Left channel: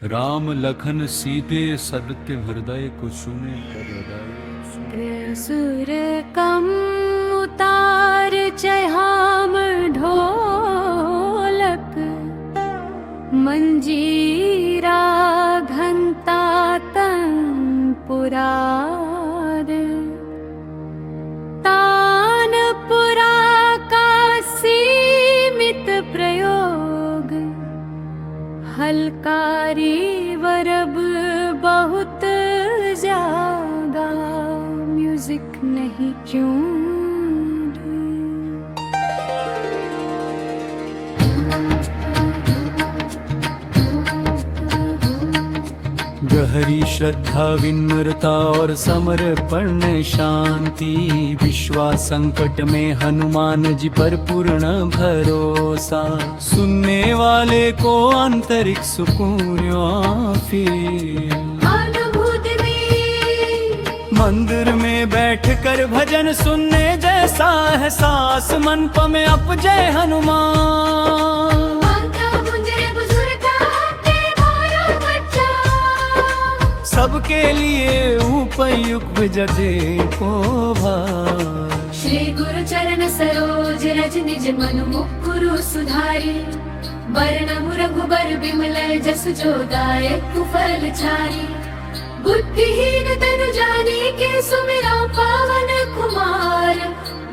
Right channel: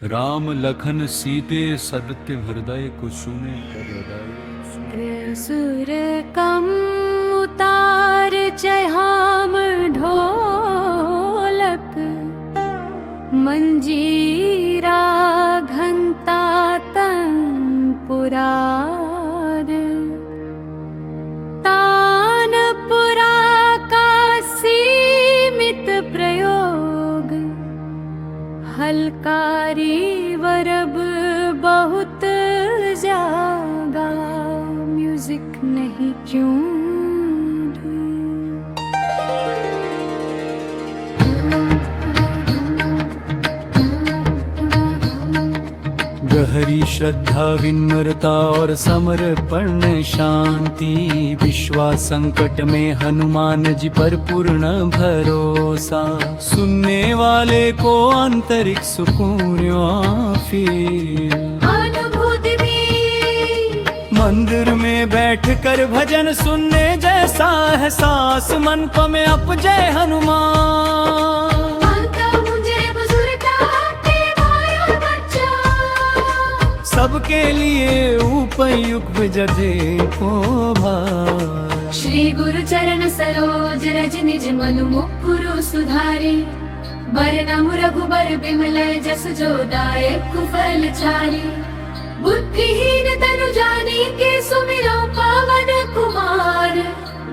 राम लखन सीते सत्य हृदय कुसुमे कर हृदय। सुर कम उतार चहाम ढोलक मंजीरा घंटा तनपुरार तानपुरा का सीमित प्रयोग हलकारी वरब बहुत ज्यादा म्यूजिक नहीं क्यों गहरी श्रद्धा विनम्रता और समर्पण शांति विश्वास संकट में हनुमान जी पर पूर्ण भरोसा सुनने वाले को आंतरिक सुकून फील अनुभूति में मंदिर में बैठकर भजन सुनने जैसा एहसास मन में अप जय हनुमान सबके लिए उपयुक्त जजे को भार। श्री गुरु चरण सरोज रज निज मनु मुकुरु सुधारे बरनमु रघुबर बिमल जस जो दायक फल चारि बुद्धिहीन तनु जानी के सुमिरो पावन कुमार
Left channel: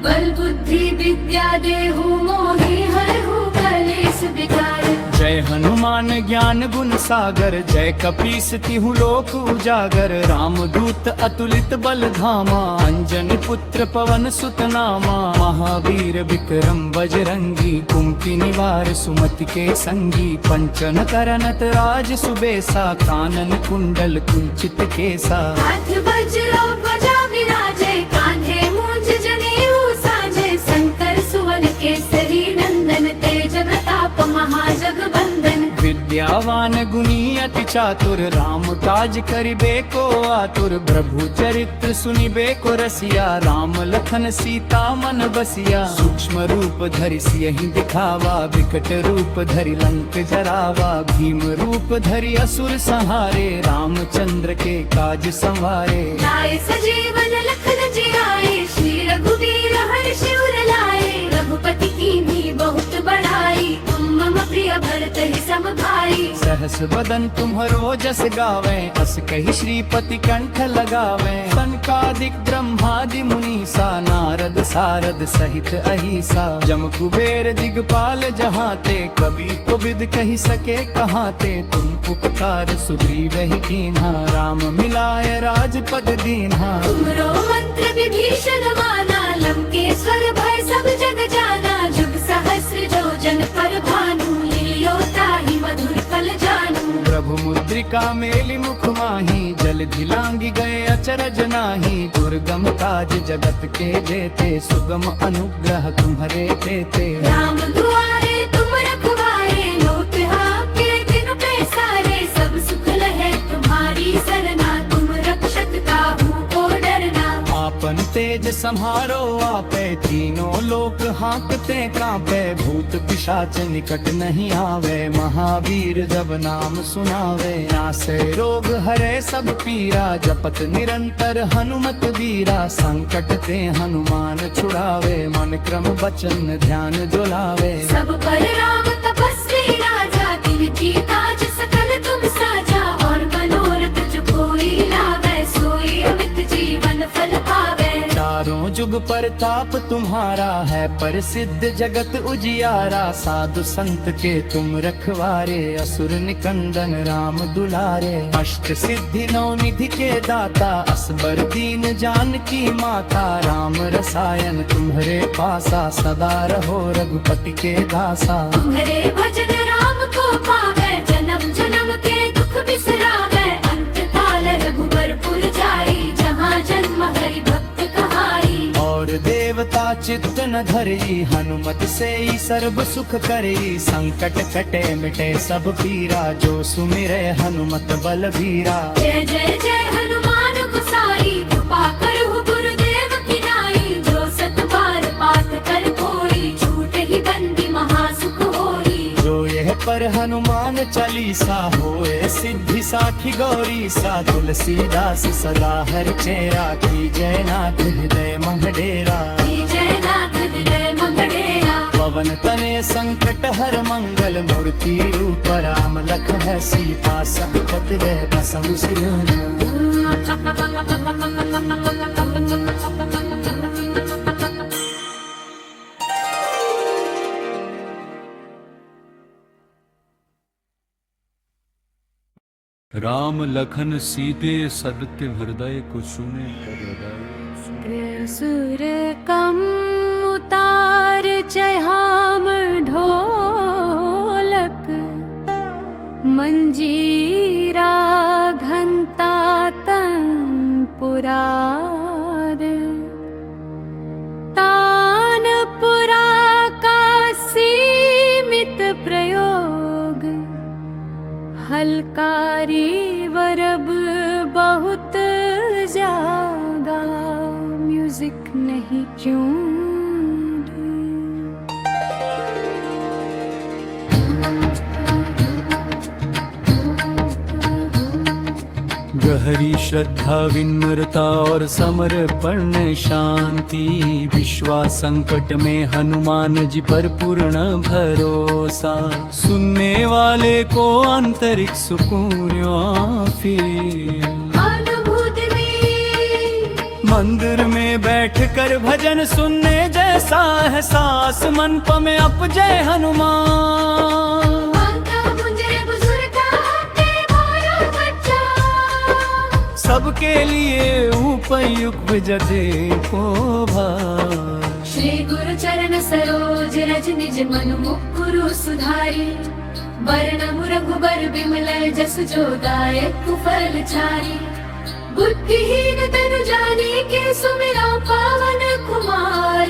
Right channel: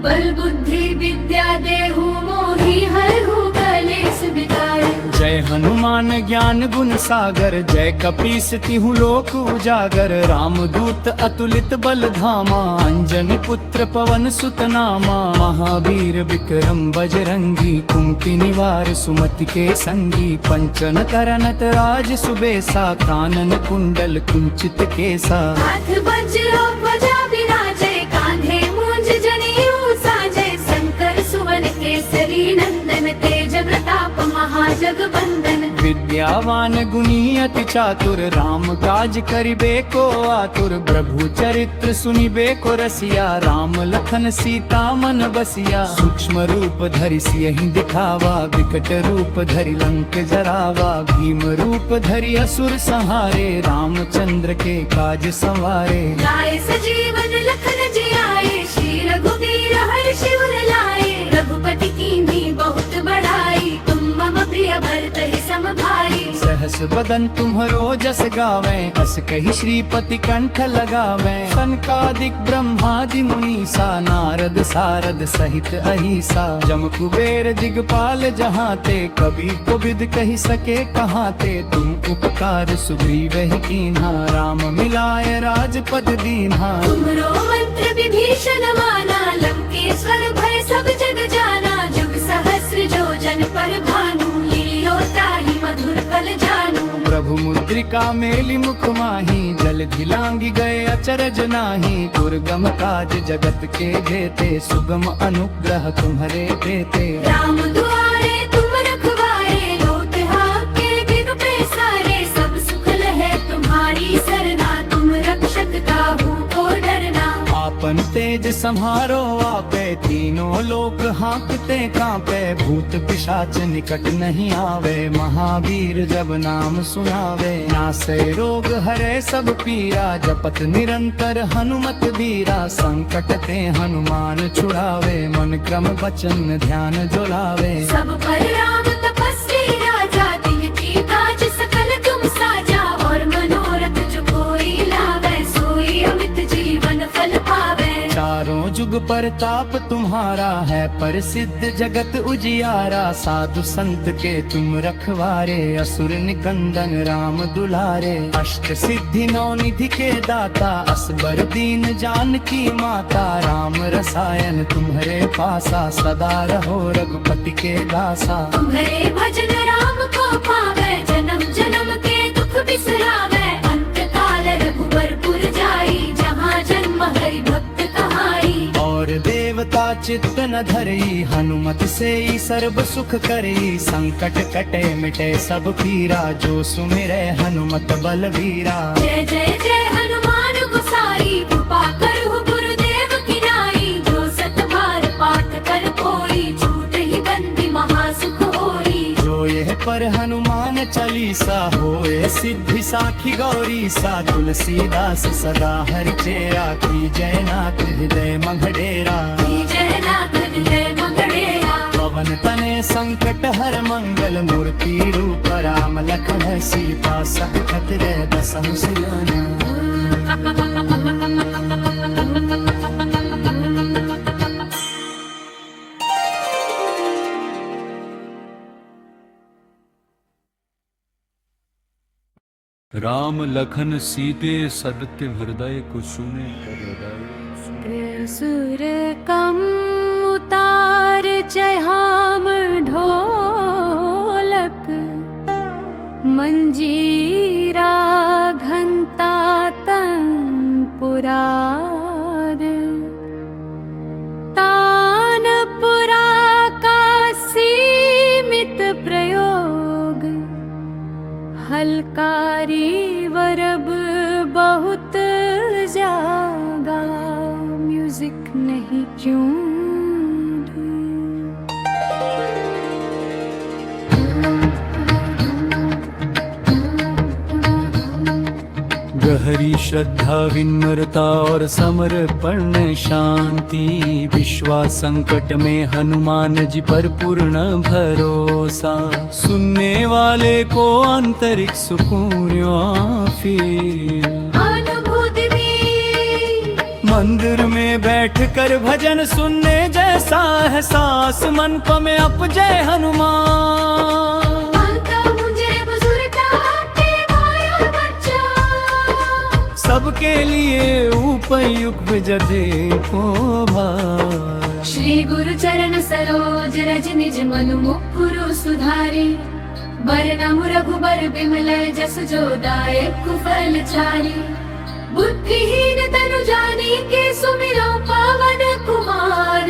बल बुद्धि विद्या देहु मोहि हरहु कलेस विकार। जय हनुमान ज्ञान गुण सागर जय कपीस तिहु लोक उजागर रामदूत अतुलित बल धामा अंजनी पुत्र पवन सुत नामा महावीर विक्रम बजरंगी कुंती निवार सुमति के संगी पंचन करनत राज सुबेसा कानन कुंडल कुंचित केसा हाथ वज्र ध्वजा विराजे कान्हे मूंज जनेऊ साजे शंकर सुवर केसरी नंदन तेज प्रताप महाजगबंदन विद्यावान गुणी अति चातुर राम काज करिबे को आतुर प्रभु चरित्र सुनिबे को रसिया राम लखन सीता मन बसिया सूक्ष्म रूप धरि सियहि दिखावा विकट रूप धरि लंक जरावा भीम रूप धरि असुर संहारे रामचंद्र के काज संवारे। लाए सजीवन लखन जी आए श्री रघुवीर हर्षि उर लाए रघुपति कीन्ही बहुत बढ़ाई तुम मम प्रिय भरत ही सम भाई। सहस बदन तुम्हरो जस गावे अस कहि श्रीपति कंठ लगावे सनकादिक ब्रह्मादि मुनीसा नारद सारद सहित अहिसा जम कुबेर दिगपाल जहाँ ते कभी कोविद कहि सके कहाँ ते तुम उपकार सुग्रीव ही कीन्हा राम मिलाए राजपद दीन्हा। तुमरो मंत्र विभीषण माना लंकेश्वर भय सब जग जाना जुग सहस्र जो जन पर भानु लील्यो ताहि मधुर फल जानू। प्रभु मुद्रिका मेलि मुख माही जल धिलांगी गए अचरज नाही दुर्गम काज जगत के जेते सुगम अनुग्रह तुम्हारे तेते। राम दुआरे तुम रखवारे लोट आपके बिनु पैसारे सब सुख लहे तुम्हारी सरना तुम रक्षक काहू को डरना। आपन तेज सम्हारो आपे तीनों लोक हाँकते कांपे भूत पिशाच निकट नहीं आवे महावीर जब नाम सुनावे नासे रोग हरे सब पीरा जपत निरंतर हनुमत वीरा संकट ते हनुमान छुड़ावे मन क्रम वचन ध्यान जोलावे। सब पर राम तपस्वी राजा तिनकी काज सकल तुम साजा और मनोरथ जो कोई लावे सोई अमित जीवन फल पावे। चारों जुग परताप तुम्हारा है प्रसिद्ध जगत उजियारा साधु संत के तुम रखवारे असुर निकंदन राम दुलारे अष्ट सिद्धि नौ निधि के दाता असबर दीन जानकी माता राम रसायन तुम्हारे पासा सदा रहो रघुपति के दासा। तुम्हारे भजन राम को पावे जन्म जन्म के दुख बिसरावे अंत काल रघुबर पुर जाई जहाँ जन्म हरि भक्त कहाई। और देवता चित्त न धरई हनुमत से ही सर्व सुख करई संकट कटे मिटे सब पीरा जो सुमिरे हनुमत बलवीरा। जय जय जय हनुमान गोसाई कृपा करहु गुरुदेव की नाई जो सत बार पाठ कर कोई छूट ही बंदी महासुख होई। जो यह पर हनुमान चालीसा होए सिद्धि साखी गौरी सा तुलसीदास सदा हरि चेरा की जयनाथ हृदय मंगडेरा जयनाथ हृदय मंगडेरा पवन तने संकट हर मंगल मूर्ति रूप राम लखन सीता सकत रे बसहु सिरना राम लखन सीते सत्य हृदय को सुने कर हृदय सुर कम उतार चहाम ढोलक मंजीरा घंटा तंपुरार तानपुरा का सीमित प्रयोग हलकारी वरब बहुत जागा म्यूजिक नहीं क्यों गहरी श्रद्धा विनम्रता और समर्पण शांति विश्वास संकट में हनुमान जी पर पूर्ण भरोसा सुनने वाले को आंतरिक सुकून फिर अनुभूति में मंदिर में बैठकर भजन सुनने जैसा एहसास मन में अप जय हनुमान माता मुझे बुजुर्ग आते मारा बच्चा सबके लिए उपयुक्त जदे को भार श्री गुरु चरण सरोज रज निज मनु मुकुरु सुधारी वरनम रघुबर बिमल जस जो दायक फल चारी बुद्धिहीन तनु जानी के सुमिरो पावन कुमार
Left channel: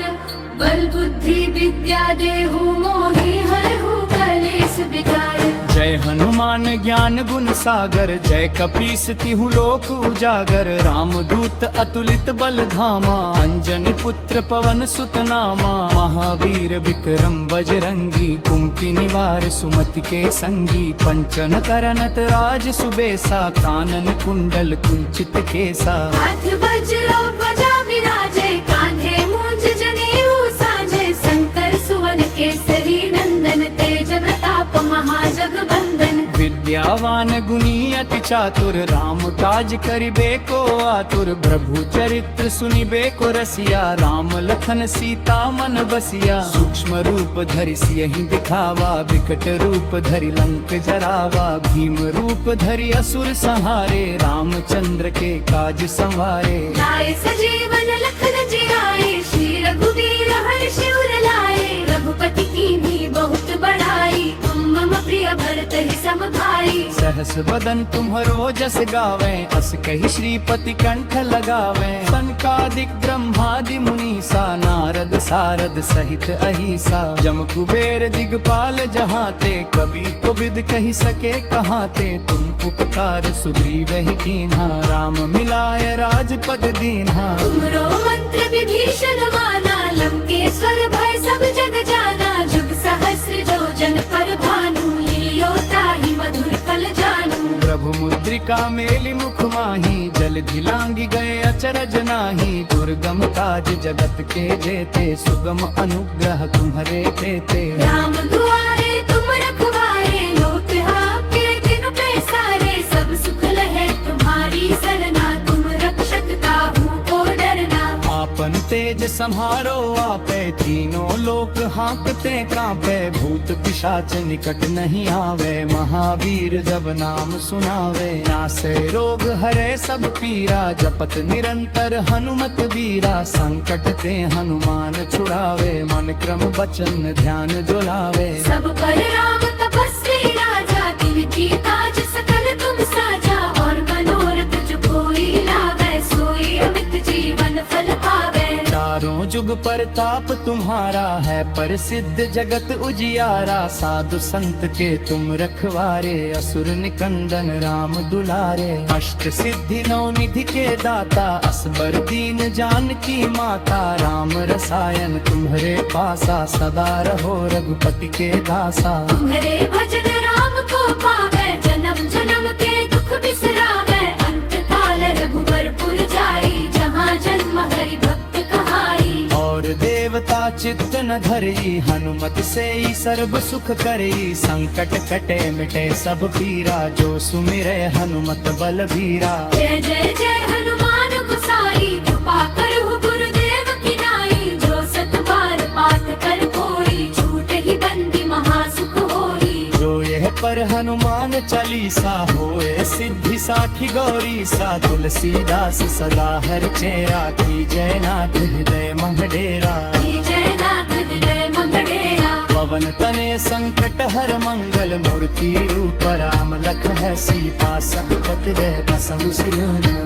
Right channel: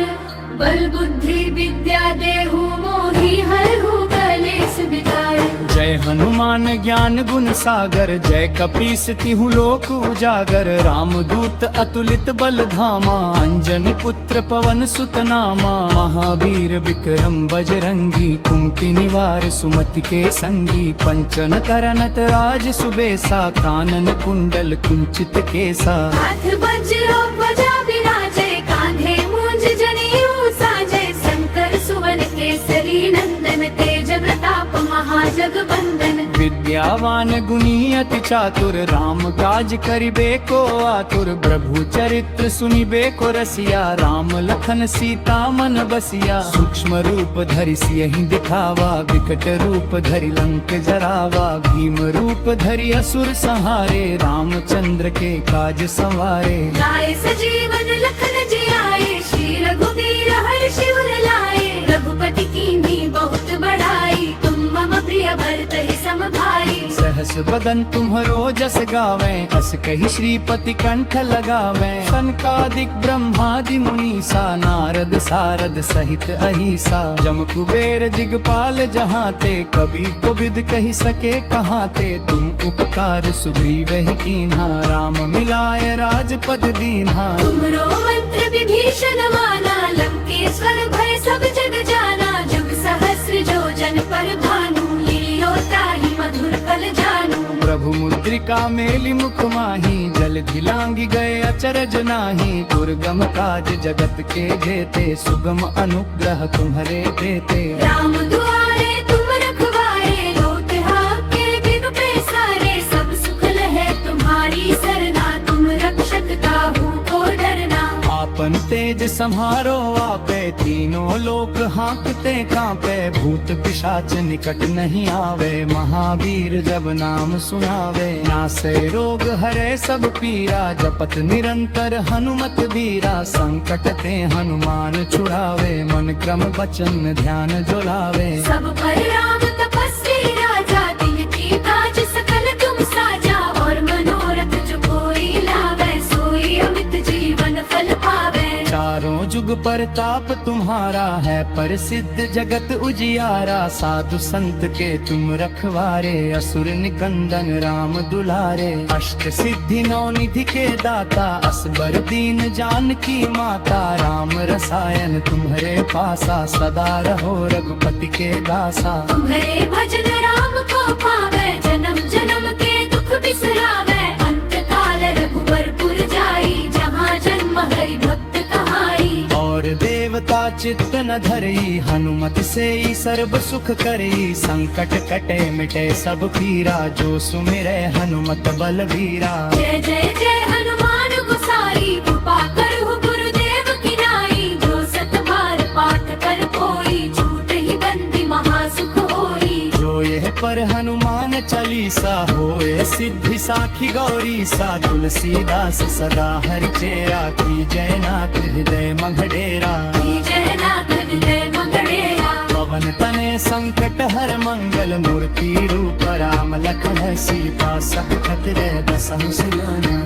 बल बुद्धि विद्या देहु मोहि हरहु कलेस विकार जय हनुमान ज्ञान गुण सागर जय कपीस तिहु लोक उजागर रामदूत अतुलित बल धामा अंजनी पुत्र पवन सुत नामा महावीर विक्रम बजरंगी कुमति निवार सुमति के संगी पंचन करनत राज सुबेसा कानन कुंडल कुंचित केसा हाथ वज्रो ध्वजा विराजे कान्हे मूंज जनेऊ साजे शंकर सुवन केसरी नंदन तेज प्रताप महाजगबंदन विद्यावान गुणी अति चातुर राम काज करिबे को आतुर प्रभु चरित्र सुनिबे को रसिया राम लखन सीता मन बसिया सूक्ष्म रूप धरि सियहि दिखावा विकट रूप धरि लंक जरावा भीम रूप धरि असुर संहारे रामचंद्र के काज संवारे लाए सजीवन लखन जियाए श्री रघुवीर हर्षि उर लाए रघुपति कीन्ही बहुत बड़ाई तुम मम प्रिय भरत ही सम भाई सहस बदन तुम्हरो जस गावे अस कही श्रीपति कंठ लगावे सनकादिक ब्रह्मादि मुनीसा नारद सारद सहित अहिसा जम कुबेर दिगपाल जहाते कभी को विद कही सके कहाते तुम उपकार सुग्रीव ही कीन्हा राम मिलाए राजपद दीन्हा तुमरो मंत्र विभीषण माना लंकेश्वर भय सब जग जाना जुग सहस्र जो जन पर भानु लील्यो ताहि मधुर फल जानू प्रभु मुद्रिका मेलि मुख माही जल धिलांगी गए अचरज नाही दुर्गम काज जगत के जेते सुगम अनुग्रह तुम्हरे देते राम दुआरे तुम रखवारे लोट आपके दिन पैसारे सब सुख लहे तुम्हारी सरना तुम रक्षक काहू को डरना आपन तेज सम्हारो आपे तीनों लोक हाँकते कांपे भूत पिशाच निकट नहीं आवे महावीर जब नाम सुनावे नासे रोग हरे सब पीरा जपत निरंतर हनुमत बीरा संकट ते हनुमान छुड़ावे मन क्रम बचन ध्यान जो लावे सब पर राम तपस्वी राजा तिनकी काज सकल तुम साजा और मनोरथ जो कोई लावे सोई अमित जीवन फल पावे चार चारों जुग परताप तुम्हारा है, प्रसिद्ध जगत उजियारा। साधु संत के तुम रखवारे, असुर निकंदन राम दुलारे। अष्ट सिद्धि नौ निधि के दाता, असबर दीन जानकी माता। राम रसायन तुम्हारे पासा, सदा रहो रघुपति के दासा। तुम्हारे भजन राम को पावे, जन्म जन्म के दुख बिसरावे। अंत काल रघुबरपुर जाई, जहाँ जन्म हरि भक्त कहाई। और देवता चित्त न धरई, हनुमत से ही सर्व सुख करई। संकट कटे मिटे सब पीरा, जो सुमिरे हनुमत बलबीरा। जय जय जय हनुमान गोसाई, कृपा करहु गुरुदेव की नाई। जो सत बार पाठ कर कोई, छूट ही बंदी महासुख होई। जो यह पर हनुमान चालीसा, होए सिद्धि साखी गौरी सा। तुलसीदास सदा हरि चेरा, की जय नाथ हृदय मंगडेरा। जय नाथ हृदय मंगड़ेरा। पवन तने संकट हर मंगल, मूर्ति रूप राम लखन सीता। सकत जय बसहु सिरना।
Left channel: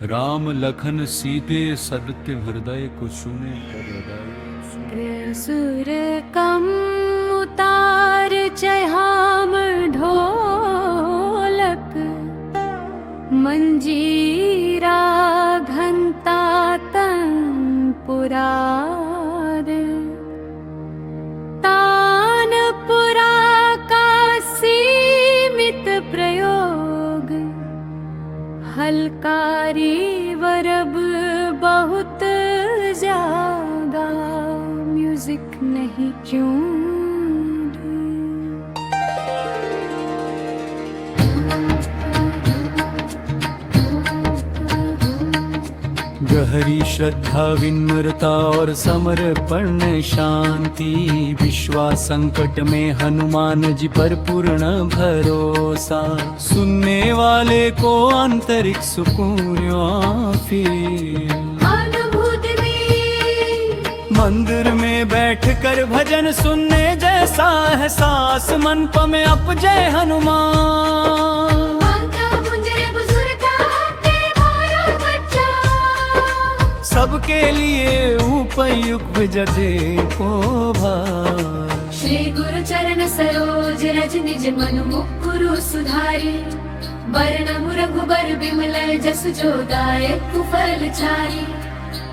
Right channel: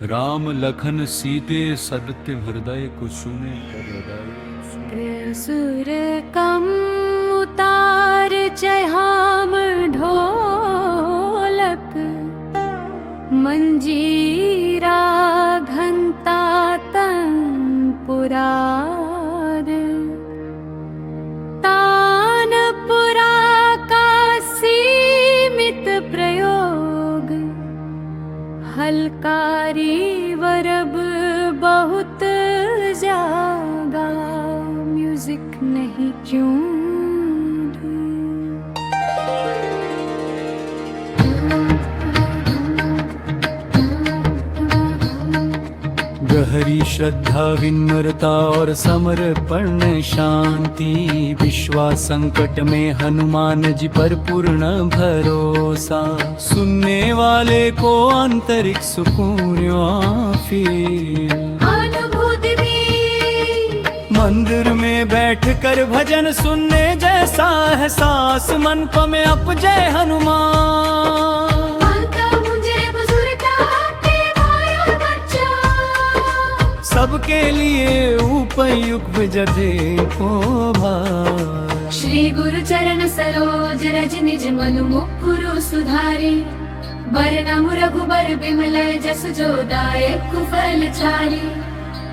राम लखन सीते सदत्य हृदय कुसुने कर हृदय। सुर कम उतार चहाम ढोलक, मंजीरा घंटा तंपुरार। तानपुरा का सीमित प्रयोग, हलकारी वरब बहुत जागा। म्यूजिक नहीं क्यों गहरी श्रद्धा विनम्रता और समर्पण शांति। विश्वास संकट में हनुमान जी पर पूर्ण भरोसा। सुनने वाले को आंतरिक सुकून फील। अनुभूति में मंदिर में बैठ कर भजन सुनने जैसा एहसास। मन में अप जय हनुमान। सबके लिए उपयुक्त जदे को भार। श्री गुरु चरण सरोज रज निज मनु मुकुरु सुधारे। बरनमु रघुबर बिमल जसु जो दायक फल चारि।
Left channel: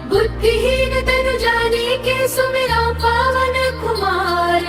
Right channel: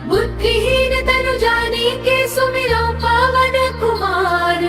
बुद्धिहीन तनु जानी के सुमिरो पावन कुमार।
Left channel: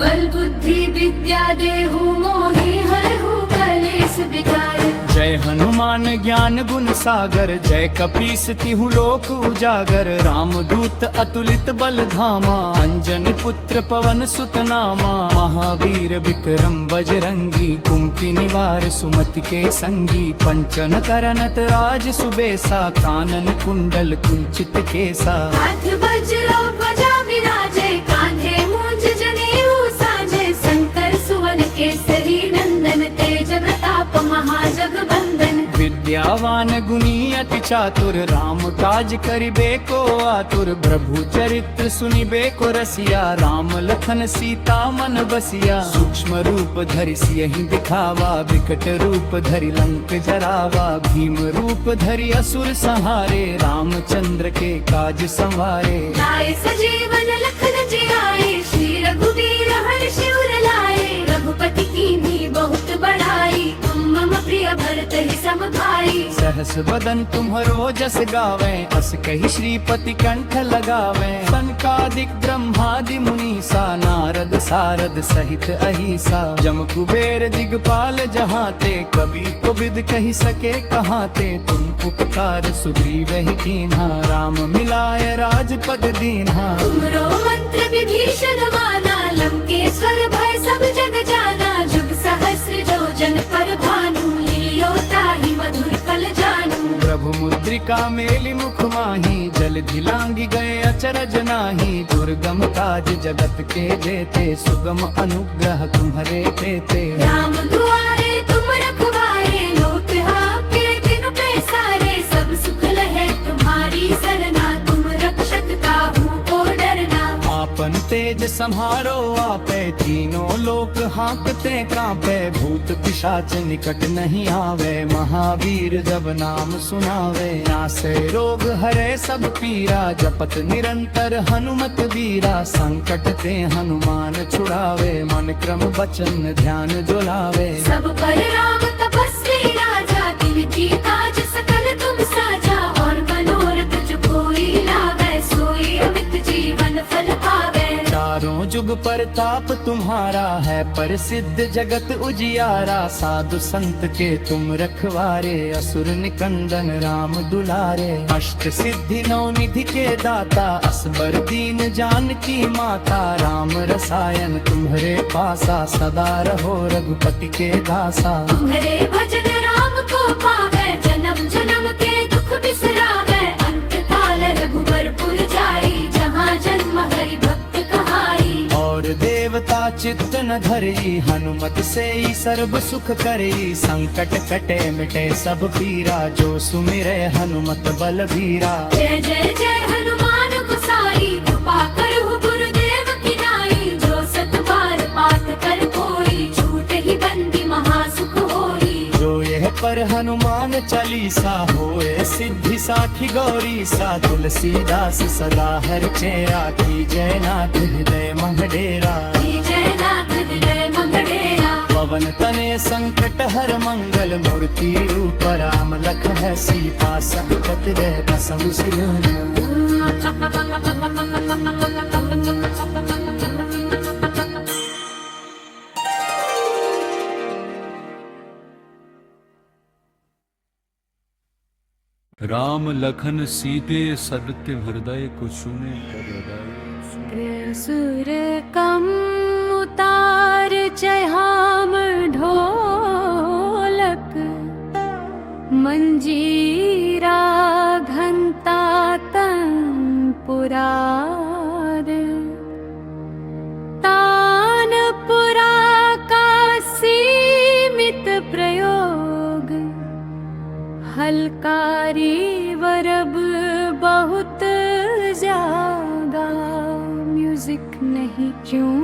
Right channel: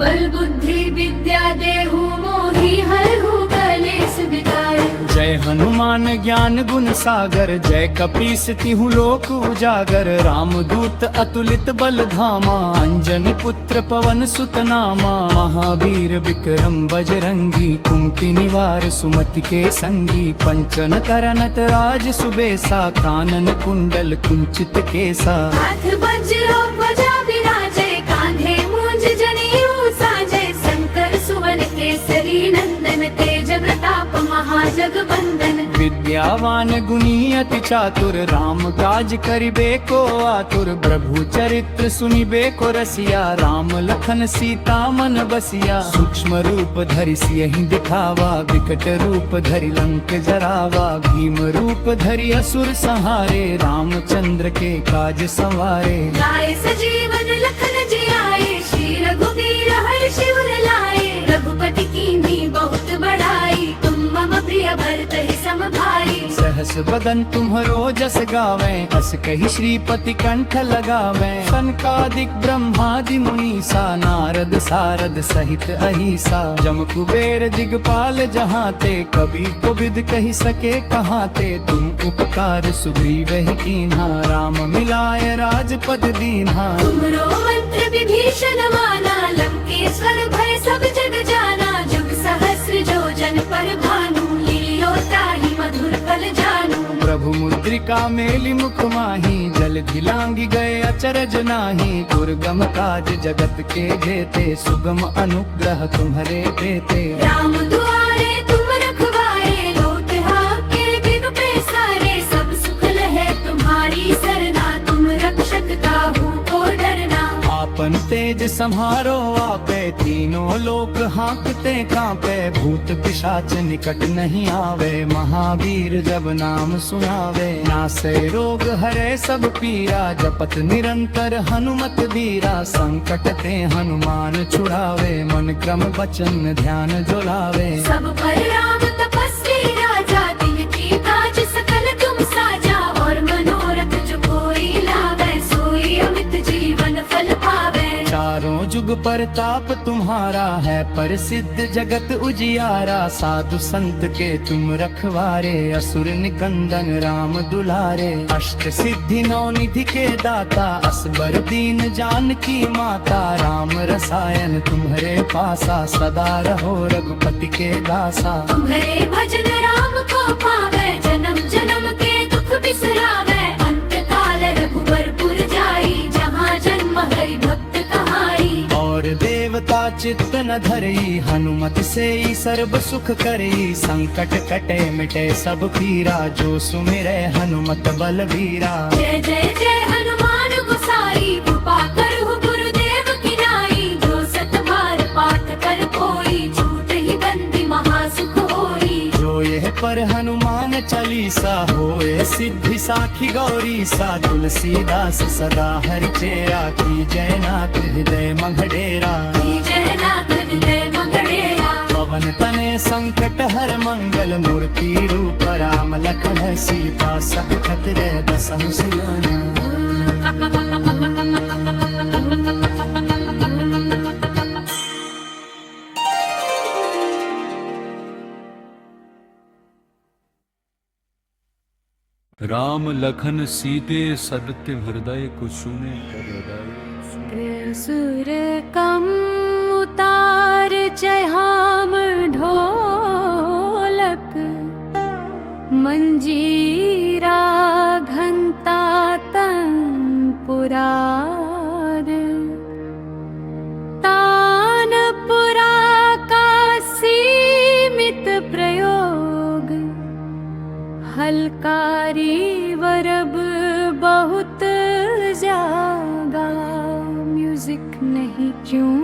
बल बुद्धि विद्या देहु मोहि हरहु कलेस विकार। जय हनुमान ज्ञान गुण सागर, जय कपीस तिहु लोक उजागर। रामदूत अतुलित बल धामा, अंजनी पुत्र पवन सुत नामा। महावीर विक्रम बजरंगी, कुमति निवार सुमति के संगी। पंचन करनत राज सुबेसा, कानन कुंडल कुंचित केसा। हाथ वज्रो ध्वजा विराजे, कांधे मूंज जनेऊ साजे। शंकर सुवन केसरी नंदन, तेज प्रताप महाजगबंदन। विद्यावान गुणी अति चातुर, राम काज करिबे को आतुर। प्रभु चरित्र सुनिबे को रसिया, राम लखन सीता मन बसिया। सूक्ष्म रूप धरि सियहि दिखावा, विकट रूप धरि लंक जरावा। भीम रूप धरि असुर संहारे, रामचंद्र के काज संवारे। लाए सजीवन लखन जियाए, श्री रघुवीर हर्षि उर लाए। रघुपति कीन्ही बहुत बड़ाई, तुम मम प्रिय भरत ही सम भाई। सहस बदन तुम्हरो जस गावे, अस कहि श्रीपति कंठ लगावे। सनकादिक ब्रह्मादि मुनीसा, नारद सारद सहित अहिसा। जम कुबेर दिगपाल जहाँ ते, कबि कोबिद कहि सके कहाँ ते। तुम उपकार सुग्रीव ही कीन्हा, राम मिलाए राजपद दीन्हा। तुमरो मंत्र विभीषण माना, लंकेश्वर भय सब जग जाना। जुग सहस्र जो जन पर भानु, लील्यो ताहि मधुर फल जानू। प्रभु मुद्रिका मेलि मुख माही, जल धिलांगी गए अचरज नाही। दुर्गम काज जगत के जेते, सुगम अनुग्रह तुम्हारे तेते। राम दुआरे तुम रखवारे, लोट आपके बिनु पैसारे। सब सुख लहे तुम्हारी सरना, तुम रक्षक काहू को डरना। आप आपन तेज सम्हारो आपे, तीनों लोक हाँकते कांपे, भूत पिशाच निकट नहीं आवे, महावीर जब नाम सुनावे, नासे रोग हरे सब पीरा, जपत निरंतर हनुमत वीरा, संकट ते हनुमान छुड़ावे, मन क्रम वचन ध्यान जो लावे। सब पर राम तपस्वी राजा, तिनकी काज सकल तुम साजा, और मनोरथ जो कोई लावे, सोई अमित जीवन फल पावे। चारों जुग परताप तुम्हारा है, प्रसिद्ध जगत उजियारा, साधु संत के तुम रखवारे, असुर निकंदन राम दुलारे, अष्ट सिद्धि नौ निधि के दाता, असबर दीन जानकी माता, राम रसायन तुम्हारे पासा, सदा रहो रघुपति के दासा। तुम्हारे भजन राम को पावे, जन्म जन्म के दुख बिसरावे, अंत काल रघुबरपुर जाई, जहाँ जन्म हरि भक्त कहाई। और देवता चित्त न धरई, हनुमत से ही सर्व सुख करई, संकट कटे मिटे सब पीरा, जो सुमिरे हनुमत बलबीरा। जय जय जय हनुमान गोसाई, कृपा करहु गुरुदेव की नाई, जो सत बार पाठ कर कोई, छूट ही बंदी महासुख होई। जो यह पर हनुमान चालीसा, होए सिद्धि साखी गौरी सा, तुलसीदास सदा हरि चेरा, की जय नाथ हृदय मंगडेरा। जय नाथ हृदय मंगडेरा। पवन तने संकट हर मंगल, मूर्ति रूप राम लखन सीता, सकत रे बसहु सिरना। राम लखन सीते सदत्य हृदय कुसुने हृदय। सुर कम उतार जहाम ढोलक, मंजीरा घंटा तंपुरार, तानपुरा का सीमित प्रयोग, हलकारी वरब बहुत जागा, म्यूजिक नहीं क्यों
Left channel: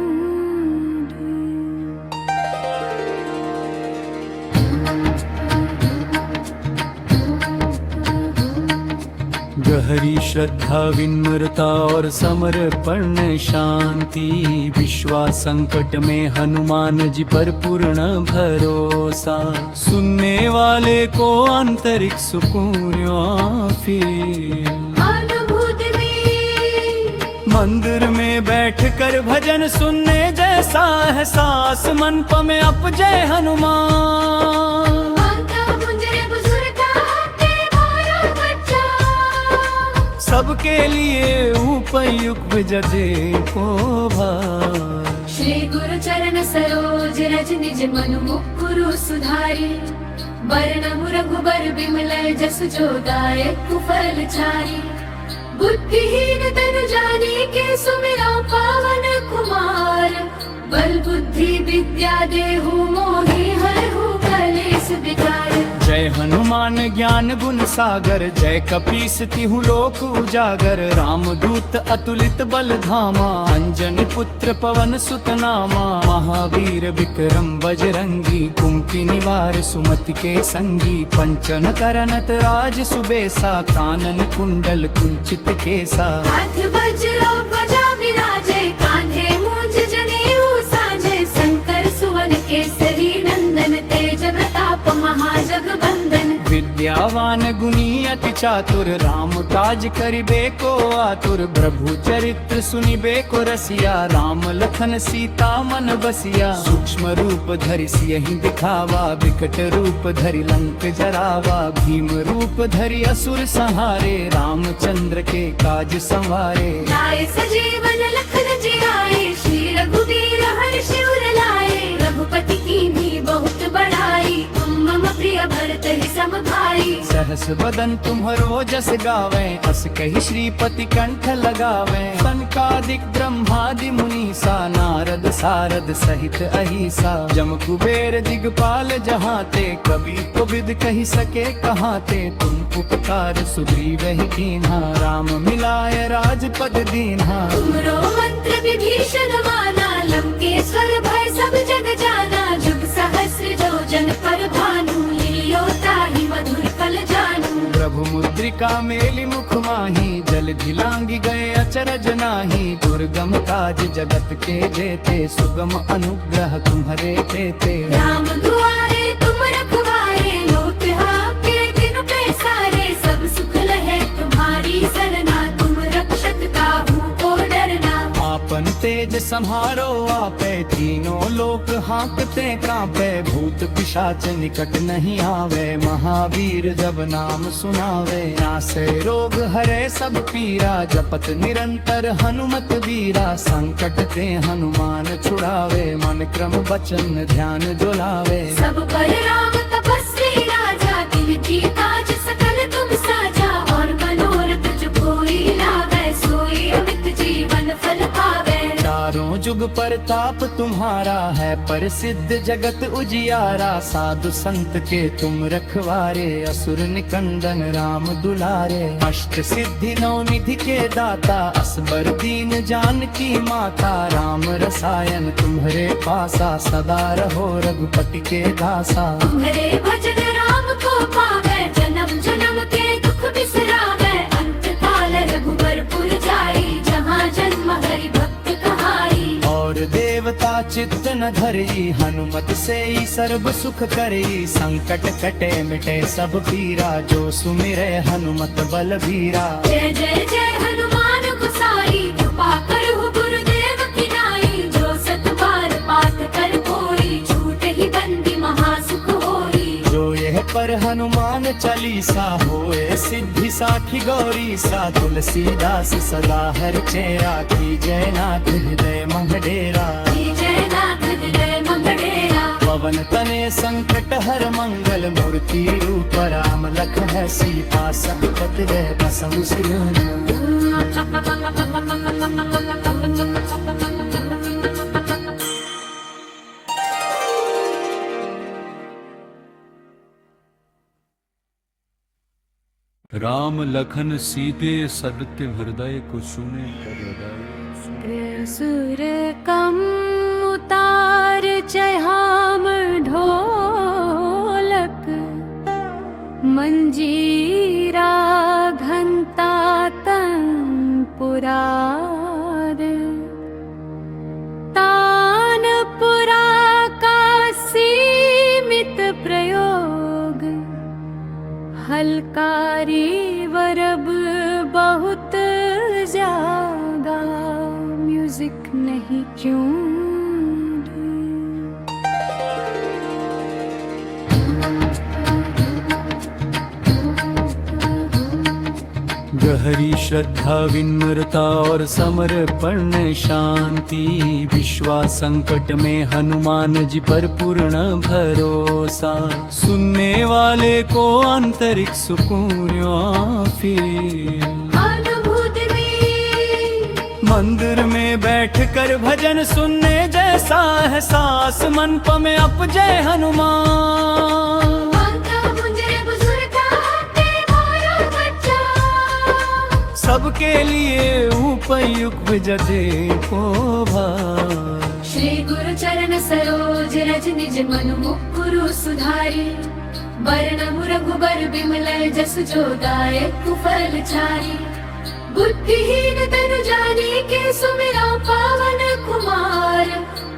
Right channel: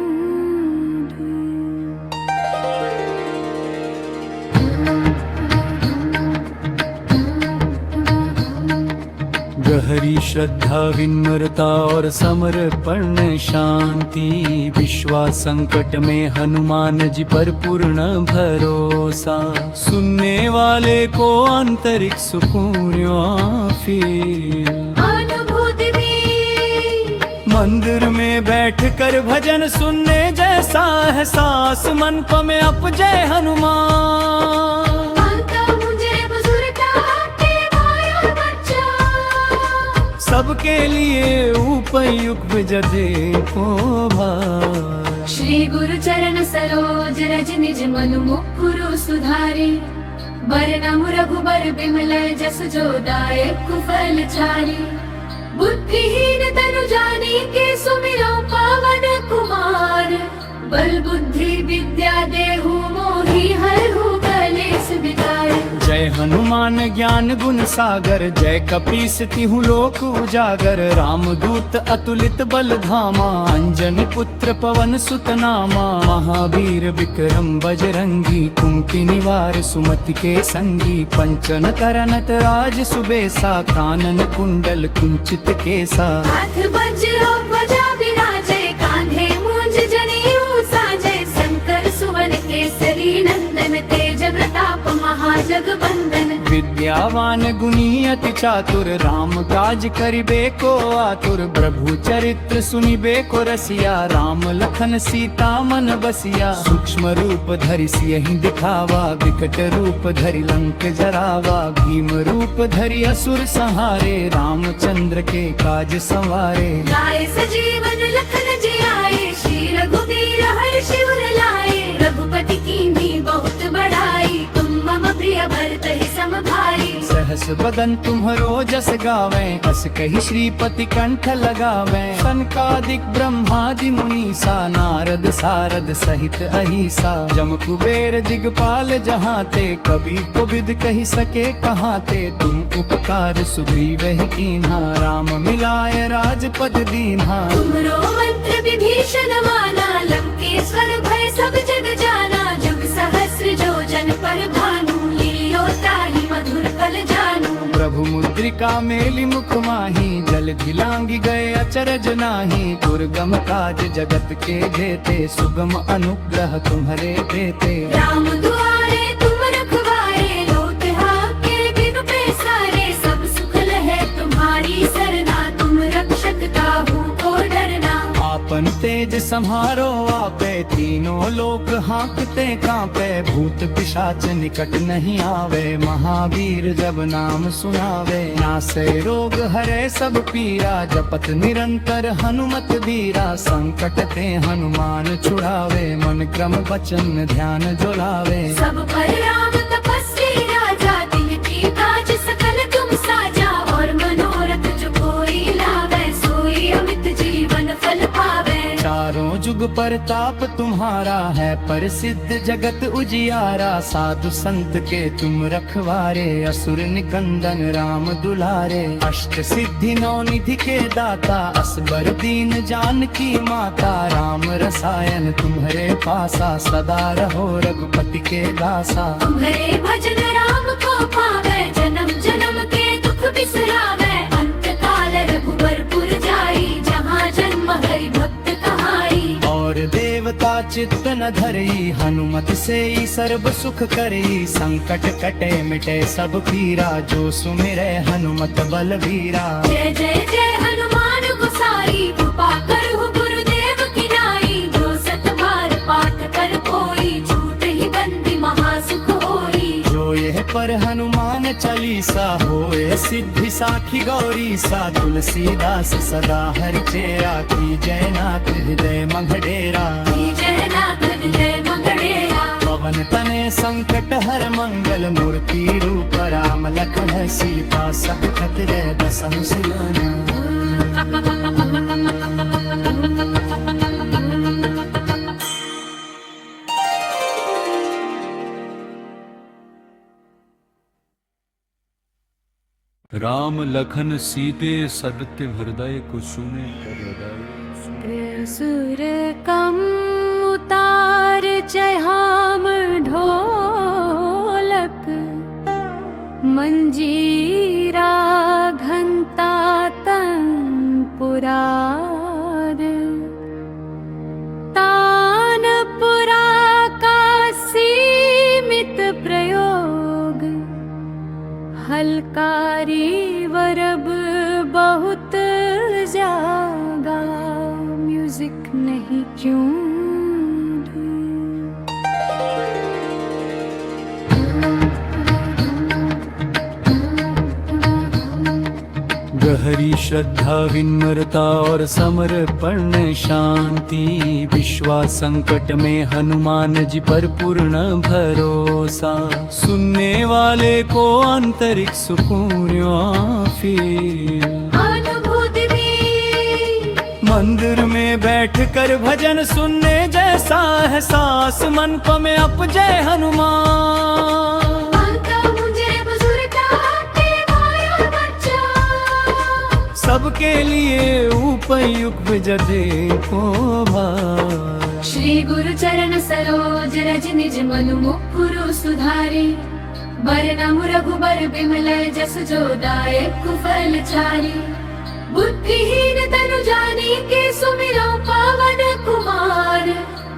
गहरी श्रद्धा विनम्रता और समर्पण शांति, विश्वास संकट में हनुमान जी पर पूर्ण भरोसा, सुनने वाले को आंतरिक सुकून फील। अनुभूति में मंदिर में बैठकर भजन सुनने जैसा एहसास, मन में अप जय हनुमान। सबके लिए उपयुक्त जजे को भार। श्री गुरु चरण सरोज रज निज मनु मुकुरु सुधारी, बरनमु रघुबर बिमल जसु जो दायक फल चारी, बुद्धिहीन तनु जानी के सुमिरौ पावन कुमार, बल बुद्धि विद्या देहु मोहि हरहु कलेस विकार। जय हनुमान ज्ञान गुण सागर, जय कपीस तिहु लोक उजागर, रामदूत अतुलित बल धामा, अंजनी पुत्र पवन सुत नामा, महावीर विक्रम बजरंगी, कुमति निवार सुमति के संगी, पंचन करनत राज सुबेसा, कानन कुंडल कुंचित केसा। हाथ वज्र ध्वजा विराजे, कान्हे मूंज जनेऊ साजे, शंकर सुवन केसरी नंदन, तेज प्रताप महाजगबंदन। विद्यावान गुणी अति चातुर, राम काज करिबे को आतुर, प्रभु चरित्र सुनिबे को रसिया, राम लखन सीता मन बसिया, सूक्ष्म रूप धरि सियहि दिखावा, विकट रूप धरि लंक जरावा, भीम रूप धरि असुर संहारे, रामचंद्र के काज संवारे। लाए सजीवन लखन जियाए, श्री रघुवीर हर्षि उर लाए, रघुपति कीन्ही बहुत बड़ाई, तुम राम प्रिय भरत ही सम भाई। सहस बदन तुम्हरो जस गावे, अस कही श्रीपति कंठ लगावे। सनकादिक ब्रह्मादि मुनीसा, नारद सारद सहित अहिसा। जम कुबेर दिगपाल जहाँ ते, कभी को विद कही सके कहाँ ते। तुम उपकार सुग्रीव ही कीन्हा, राम मिलाए राजपद दीन्हा। तुमरो मंत्र विभीषण माना, लंकेश्वर भय सब जग जाना। जुग सहस्र जो जन पर भानु, लील्यो ताहि मधुर फल जानू। प्रभु मुद्रिका मेली मुख माही, जल धिलांगी गए अचरज नाही। दुर्गम काज जगत के जेते, सुगम अनुग्रह तुम्हरे तेते। राम दुआरे तुम रखवारे, लोट आपके बिनु पैसारे। सब सुख लहे तुम्हारी सरना, तुम रक्षक काहू को डरना। आपन तेज सम्हारो आपे, तीनों लोक हाँकते कांपे। भूत पिशाच निकट नहीं आवे, महावीर जब नाम सुनावे। नासे रोग हरे सब पीरा, जपत निरंतर हनुमत बीरा। संकट ते हनुमान छुड़ावे, मन क्रम वचन ध्यान जुलावे। सब पर राम तपस्वी राजा, तिनकी काज सकल तुम साजा। और मनोरथ जो कोई लावे, सोई अमित जीवन फल पावे। चारों जुग परताप तुम्हारा है, प्रसिद्ध जगत उजियारा। साधु संत के तुम रखवारे, असुर निकंदन राम दुलारे। अष्ट सिद्धि नौ निधि के दाता, असबर दीन जानकी माता। राम रसायन तुम्हारे पासा, सदा रहो रघुपति के दासा। तुम्हारे भजन राम को पावे, जन्म जन्म के दुख बिसरावे। अंत काल रघुबर पुर जाई, जहाँ जन्म हरि भक्त कहाई। और देवता चित्त न धरई, हनुमत से ही सर्व सुख करई। संकट कटे मिटे सब पीरा, जो सुमिरे हनुमत बलबीरा। जय जय जय हनुमान गोसाई, कृपा करहु गुरुदेव की नाई। जो सत बार पाठ कर कोई, छूट ही बंदी महासुख होई। जो यह पर हनुमान चालीसा, होए सिद्धि साखी गौरी सा। तुलसीदास सदा हरि चेरा, की जय नाथ हृदय मंगडेरा। जय नाथ हृदय मंगडेरा। पवन तने संकट हर मंगल, मूर्ति रूप राम लखन सीता। सकट जय बसहु सिलोना। राम लखन सीते सदत्य हृदय को सुने कर हृदय। सुर कम उतार चहाम ढोलक, मंजीरा घंटा तनपुरार। तानपुरा का सीमित प्रयोग, हलकारी वरब बहुत जागा। म्यूजिक नहीं क्यों गहरी श्रद्धा विनम्रता और समर्पण शांति। विश्वास संकट में हनुमान जी पर पूर्ण भरोसा। सुनने वाले को आंतरिक सुकून फील। अनुभूति में मंदिर में बैठकर भजन सुनने जैसा एहसास। मन प में अप जय हनुमान। सबके लिए उपयुक्त जदे को भार। श्री गुरु चरण सरोज रज निज मनु मुकुरु सुधारे। बरनम रघुबर बिमल जस जो दायक फल चारि। बुद्धिहीन तनु जानी के सुमिरो पावन कुमार।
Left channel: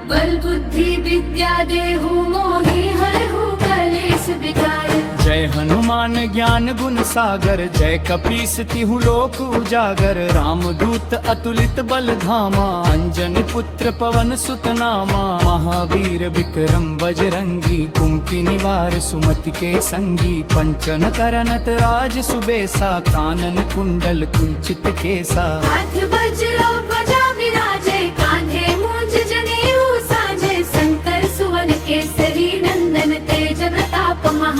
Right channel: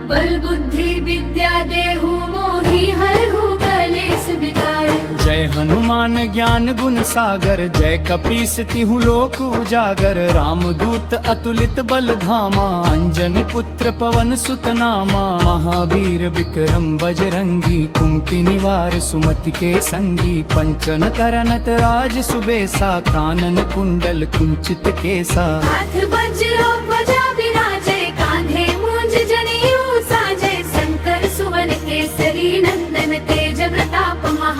बल बुद्धि विद्या देहु मोहि हरहु कलेस विकार। जय हनुमान ज्ञान गुण सागर। जय कपीस तिहु लोक उजागर। रामदूत अतुलित बल धामा। अंजनी पुत्र पवन सुत नामा। महावीर विक्रम बजरंगी। कुमति निवार सुमति के संगी। पंचन करनत राज सुबेसा। कानन कुंडल कुंचित केसा। हाथ वज्र ध्वजा विराजे। कान्धे मूंज जनेऊ साजे। शंकर सुवन केसरी नंदन तेज प्रताप महा।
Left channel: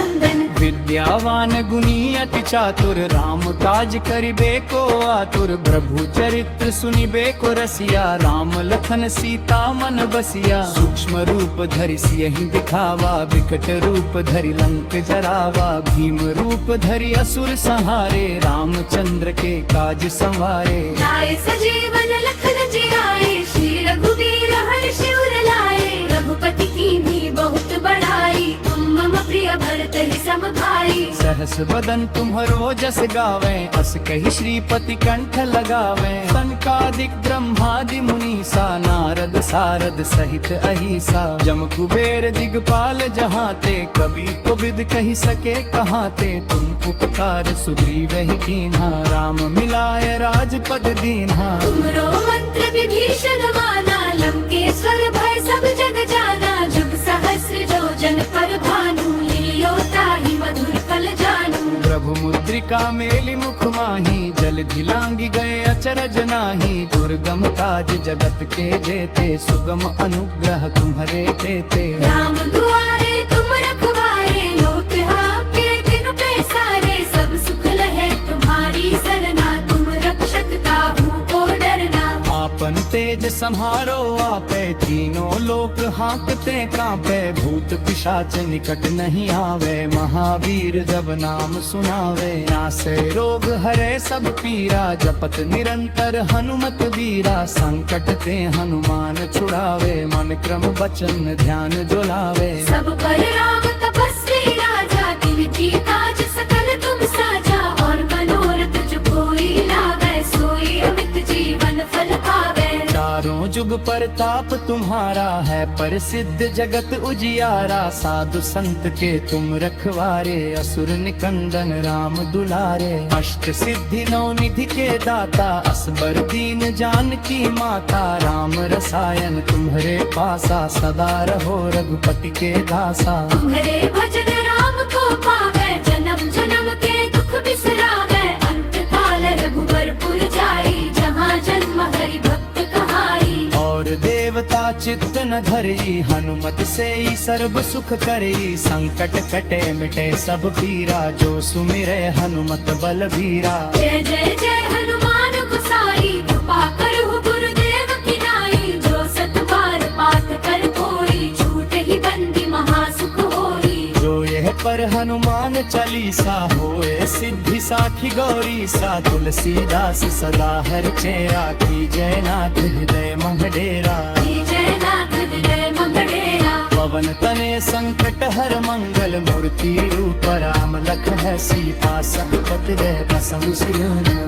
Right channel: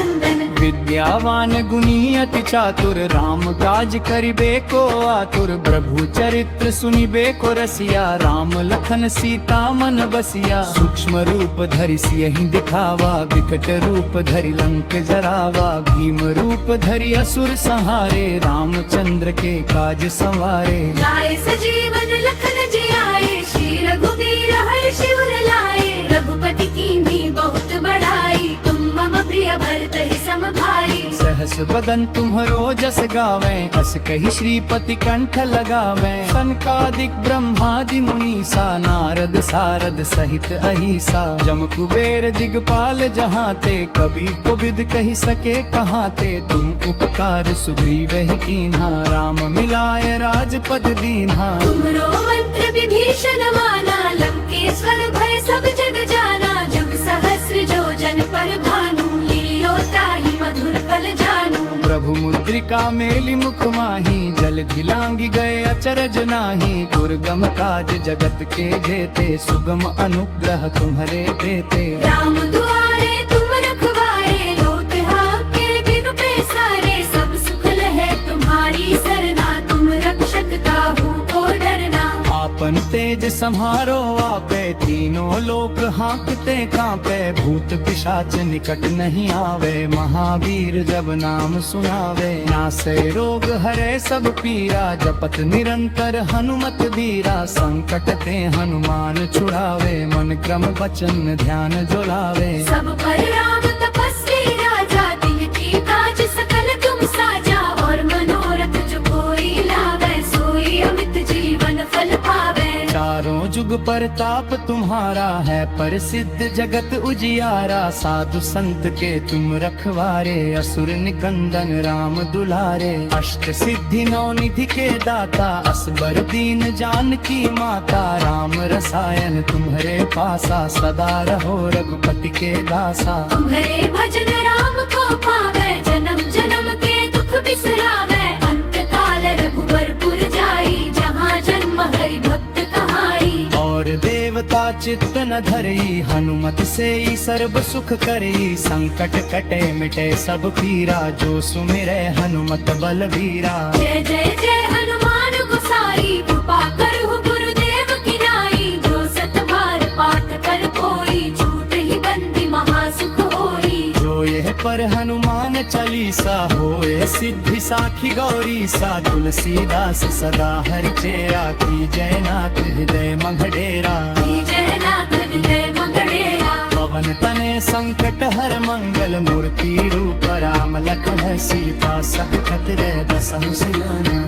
वंदन। विद्यावान गुणी अति चातुर, राम काज करिबे को आतुर। प्रभु चरित्र सुनिबे को रसिया, राम लखन सीता मन बसिया। सूक्ष्म रूप धरि सियहि दिखावा, विकट रूप धरि लंक जरावा। भीम रूप धरि असुर संहारे, रामचंद्र के काज संवारे। लाए सजीवन लखन जियाए, श्री रघुवीर हर्षि उर लाए। रघुपति कीन्ही बहुत बड़ाई, तुम मम प्रिय भरत ही सम भाई। सहस बदन तुम्हरो जस गावे, अस कहि श्रीपति कंठ लगावे। सनकादिक ब्रह्मादि मुनीसा, नारद सारद सहित अहिसा। जम कुबेर दिगपाल जहाते, कबि कोबिद कहि सके कहाते। तुम उपकार सुग्रीव ही कीन्हा, राम मिलाए राजपद दीन्हा। तुमरो मंत्र विभीषण माना, लंकेश्वर भय सब जग जाना। जुग सहस्र जो जन पर भानु, लियो ताहि मधुर फल जानू। प्रभु मुद्रिका मेलि मुख माही, जल धिलांगी गए अचरज नाही। दुर्गम काज जगत के जेते, सुगम अनुग्रह तुम्हरे तेते। राम दुआरे तुम रखवारे, लोक आपके बिनु पैसारे। सब सुख लहे तुम्हारी सरना, तुम रक्षक काहू को डरना। आपन तेज सम्हारो आपे, तीनों लोक हाँकते कांपे। भूत पिशाच निकट नहीं आवे, महावीर जब नाम सुनावे। नासे रोग हरे सब पीरा, जपत निरंतर हनुमत बीरा। संकट ते हनुमान छुड़ावे, मन क्रम वचन ध्यान जो लावे। सब पर राम तपस्वी राजा, तिनकी काज सकल तुम साजा। और मनोरथ जो कोई लावे, सोई अमित जीवन फल पावे। चारों जुग परताप तुम्हारा है, प्रसिद्ध जगत उजियारा। साधु संत के तुम रखवारे, असुर निकंदन राम दुलारे। अष्ट सिद्धि नौ निधि के दाता, असबर दीन जानकी माता। राम रसायन तुम्हरे पासा, सदा रहो रघुपति के दासा। तुम्हारे भजन राम को पावे, जन्म जन्म के दुख बिसरावे। अंत काल रघुबर पुर जाई, जहाँ जन्म हरि भक्त कहाई। और देवता चित्त न धरई, हनुमत से ही सर्व सुख करई। संकट कटे मिटे सब पीरा, जो सुमिरे हनुमत बलबीरा। जय जय जय हनुमान गोसाई, कृपा करहु गुरुदेव की नाई। जो सत बार पाठ कर कोई, छूट ही बंदी महासुख होई। जो यह पर हनुमान चालीसा, होए सिद्धि साखी गौरी सा। तुलसीदास सदा हरि चेरा, की जय नाथ हृदय मंगडेरा। जय नाथ हृदय मंगड़ेरा। पवन तने संकट हर मंगल, मूर्ति रूप राम लखन सीता। सकत रे बसहु सियना।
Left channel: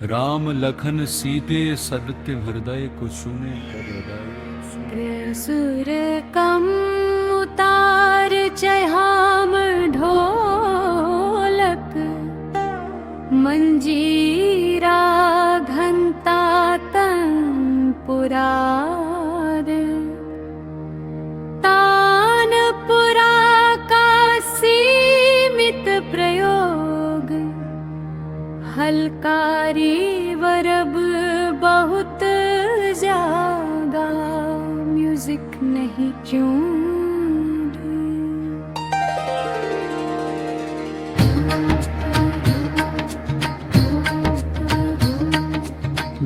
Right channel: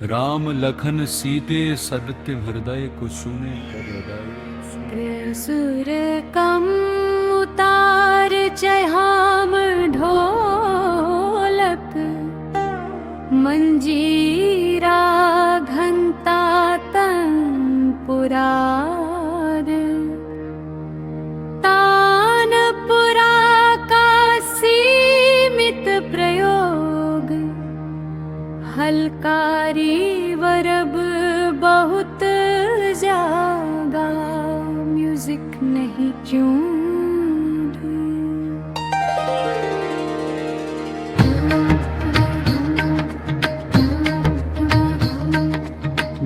राम लखन सीते सदत्य हृदय को सुने कर हृदय। सुर कम उतार चहाम ढोलक, मंजीरा घंटा तंपुरार। तानपुरा का सीमित प्रयोग, हलकारी वरब बहुत जागा। म्यूजिक नहीं क्यों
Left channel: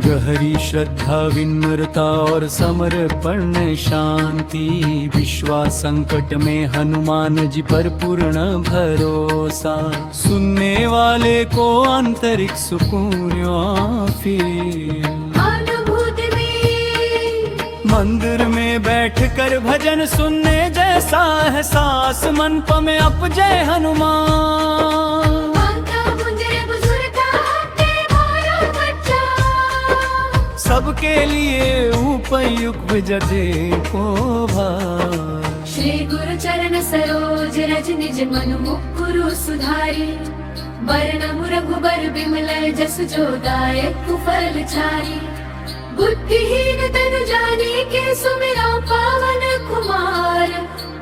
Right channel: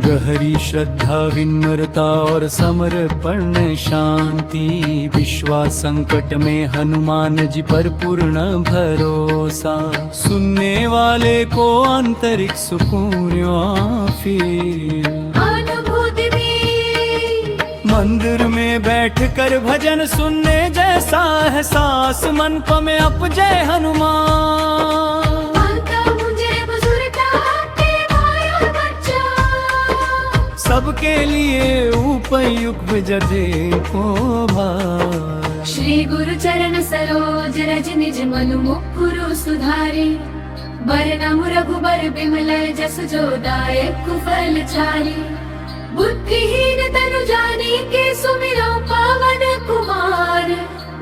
गहरी श्रद्धा विनम्रता और समर्पण शांति। विश्वास संकट में हनुमान जी पर पूर्ण भरोसा। सुनने वाले को आंतरिक सुकून फिर। अनुभूति में मंदिर में बैठकर भजन सुनने जैसा एहसास। मन में अप जय हनुमान। सबके लिए उपयुक्त जजे को भाई। श्री गुरु चरण सरोज रज निज मनु मुकुरु सुधारी। बरनमु रघुबर बिमल जसु जो दायक फल चारी। बुद्धिहीन तनु जानी के सुमिरो पावन कुमार।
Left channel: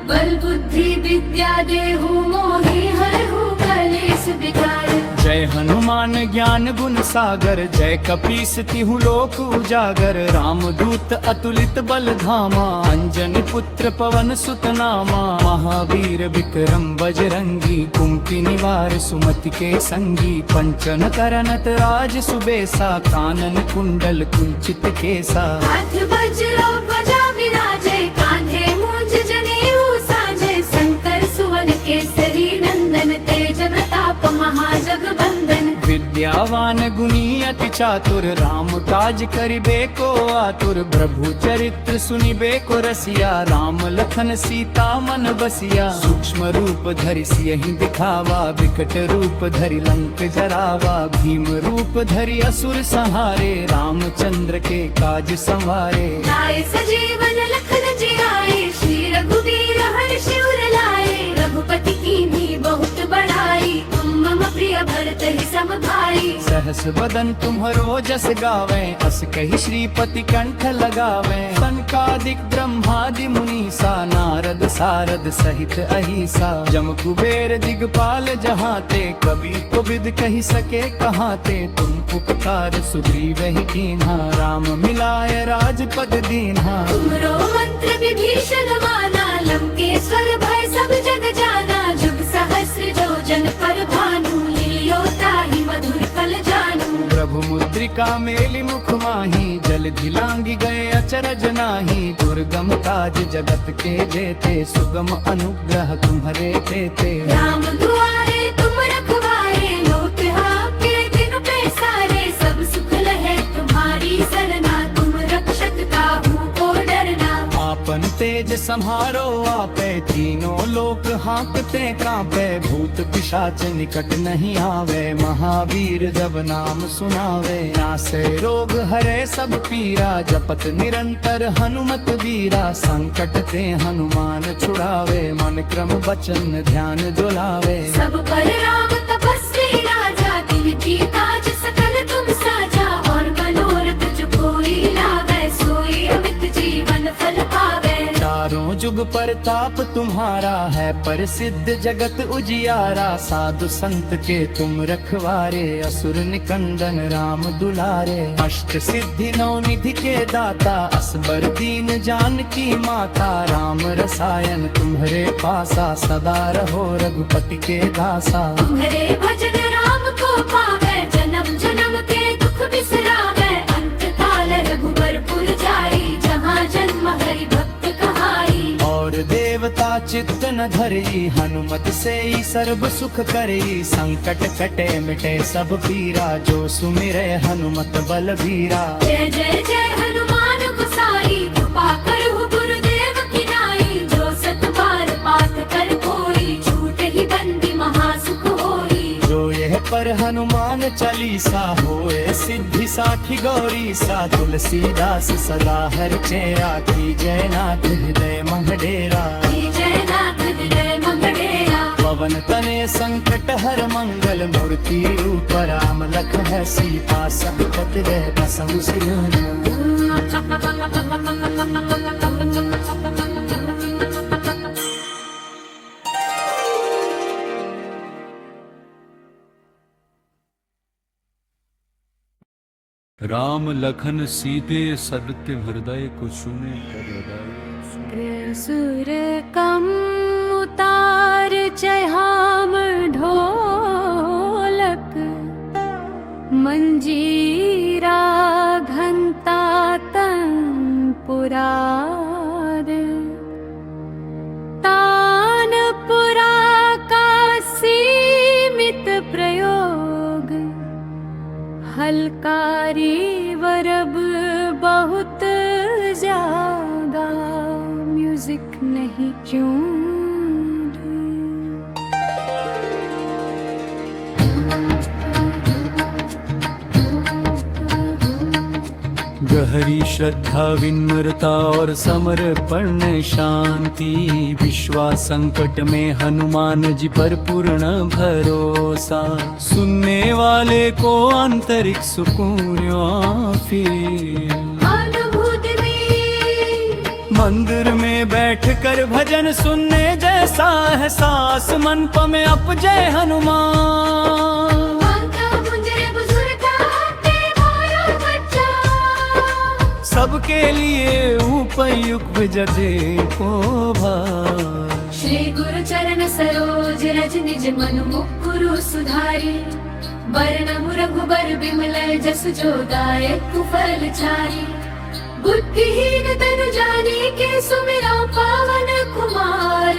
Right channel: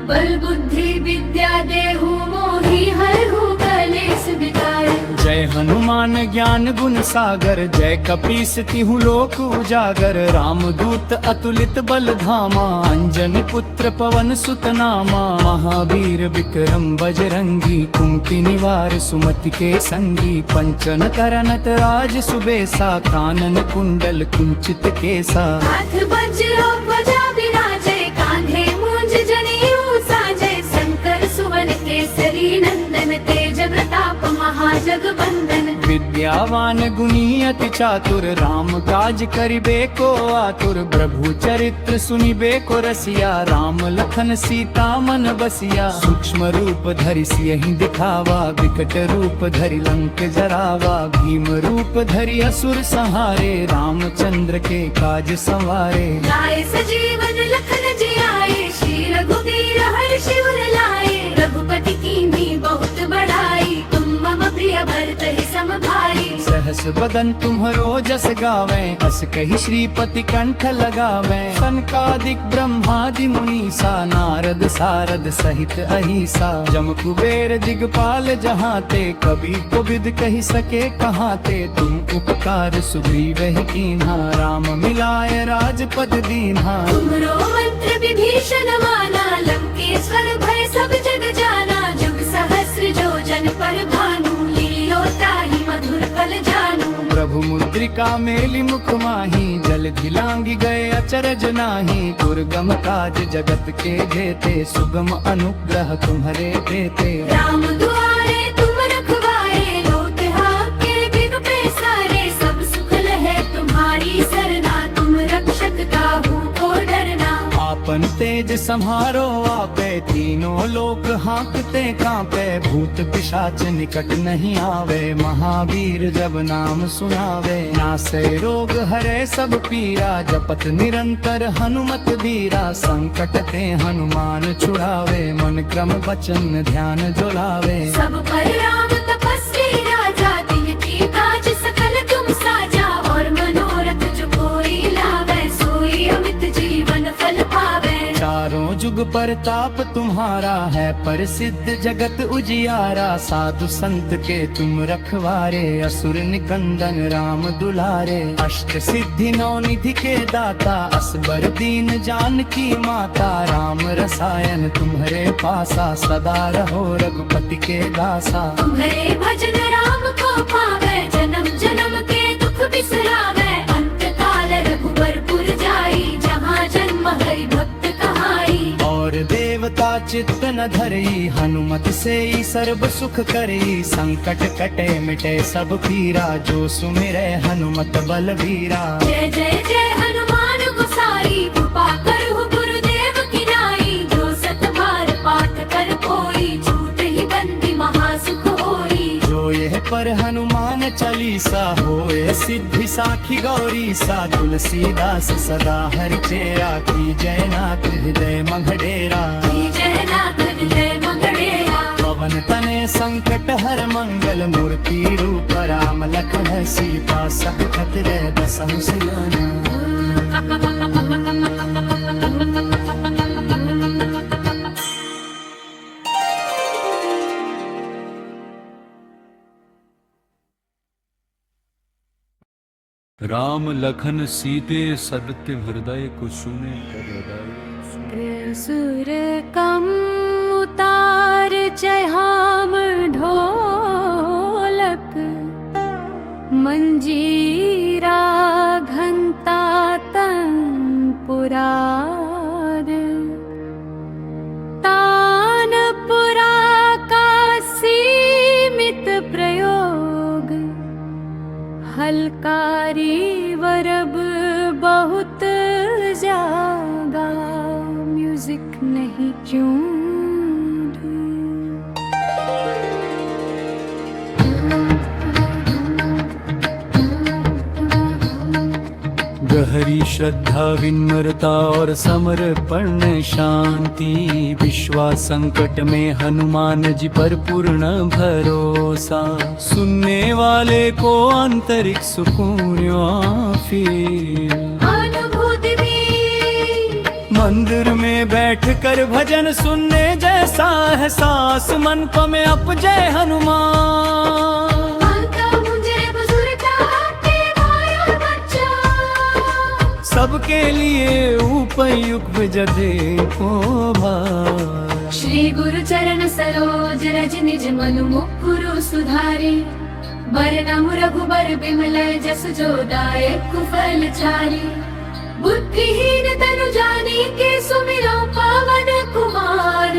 बल बुद्धि विद्या देहु मोहि हरहु कलेस विकार। जय हनुमान ज्ञान गुण सागर, जय कपीस तिहु लोक उजागर। रामदूत अतुलित बल धामा, अंजनी पुत्र पवन सुत नामा। महावीर विक्रम बजरंगी, कुमति निवार सुमति के संगी। पंचन करनत राज सुबेसा, कानन कुंडल कुंचित केसा। हाथ वज्रो ध्वजा विराजे, कान्हे मूंज जनेऊ साजे। शंकर सुवन केसरी नंदन, तेज प्रताप महाजगबंदन। विद्यावान गुणी अति चातुर, राम काज करिबे को आतुर। प्रभु चरित्र सुनिबे को रसिया, राम लखन सीता मन बसिया। सूक्ष्म रूप धरि सियहि दिखावा, विकट रूप धरि लंक जरावा। भीम रूप धरि असुर संहारे, रामचंद्र के काज संवारे। लाए सजीवन लखन जियाए, श्री रघुवीर हर्षि उर लाए। रघुपति कीन्ही बहुत बड़ाई, तुम मम प्रिय भरत ही सम भाई। सहस बदन तुम्हरो जस गावे, अस कहि श्रीपति कंठ लगावे। सनकादिक ब्रह्मादि मुनीसा, नारद सारद सहित अहिसा। जम कुबेर दिगपाल जहाते, कबि कोबिद कहि सके कहाते। तुम उपकार सुग्रीव ही कीन्हा, राम मिलाए राजपद दीन्हा। तुमरो मंत्र विभीषण माना, लंकेश्वर भय सब जग जाना। जुग सहस्र जो जन पर भानु, लील्यो ताहि मधुर फल जानू। प्रभु मुद्रिका मेलि मुख माही, जल धिलांगी गए अचरज नाही। दुर्गम काज जगत के जेते, सुगम अनुग्रह तुम्हरे तेते। राम दुआरे तुम रखवारे, लोक आपके दिन पैसारे। सब सुख लहे तुम्हारी सरना, तुम रक्षक काहू को डरना। आपन तेज सम्हारो आपे, तीनों लोक हाँकते कांपे। भूत पिशाच निकट नहीं आवे, महावीर जब नाम सुनावे। नासे रोग हरे सब पीरा, जपत निरंतर हनुमत बीरा। संकट ते हनुमान छुड़ावे, मन क्रम वचन ध्यान जो लावे। सब पर राम तपस्वी राजा, तिनकी काज सकल तुम साजा। और मनोरथ जो कोई लावे, सोई अमित जीवन फल पावे। चारों जुग परताप तुम्हारा है, प्रसिद्ध जगत उजियारा। साधु संत के तुम रखवारे, असुर निकंदन राम दुलारे। अष्ट सिद्धि नौ निधि के दाता, असबर दीन जानकी माता। राम रसायन तुम्हरे पासा, सदा रहो रघुपति के दासा। तुम्हारे भजन राम को पावे, जन्म जन्म के दुख बिसरावे। अंत काल रघुबर पुर जाई, जहाँ जन्म हरि भक्त कहाई। और देवता चित्त न धरई, हनुमत से ही सर्व सुख करई। संकट कटे मिटे सब पीरा, जो सुमिरे हनुमत बलबीरा। जय जय जय हनुमान गोसाई, कृपा करहु गुरुदेव की नाई। जो सत बार पाठ कर कोई, छूट ही बंदी महासुख होई। जो यह पर हनुमान चालीसा, होए सिद्धि साखी गौरी सा। तुलसीदास सदा हरि चेरा, की जय नाथ हृदय मंगडेरा। जय नाथ हृदय मंगड़ेरा। पवन तने संकट हर मंगल, मूर्ति रूप राम लखन सीता। सकत रे बसहु सियना। राम लखन सीते सदत्य हृदय को सुने हृदय। सुर कम उतार चहाम ढोलक, मंजीरा घंटा तंपुरार। तानपुरा का सीमित प्रयोग, हलकारी वरब बहुत जागा। म्यूजिक नहीं क्यों गहरी श्रद्धा विनम्रता और समर्पण शांति। विश्वास संकट में हनुमान जी पर पूर्ण भरोसा। सुनने वाले को आंतरिक सुकून फिर अनुभूति में मंदिर में बैठकर भजन सुनने जैसा एहसास। मन में अप जय हनुमान। सबके लिए उपयुक्त जदे को भार। श्री गुरु चरण सरोज रज निज मनु मुकुरु सुधारे, वरनम रघुबर बिमल जसु जो दायक फल चारि। बुद्धिहीन तनु जानी के सुमिरो पावन कुमार,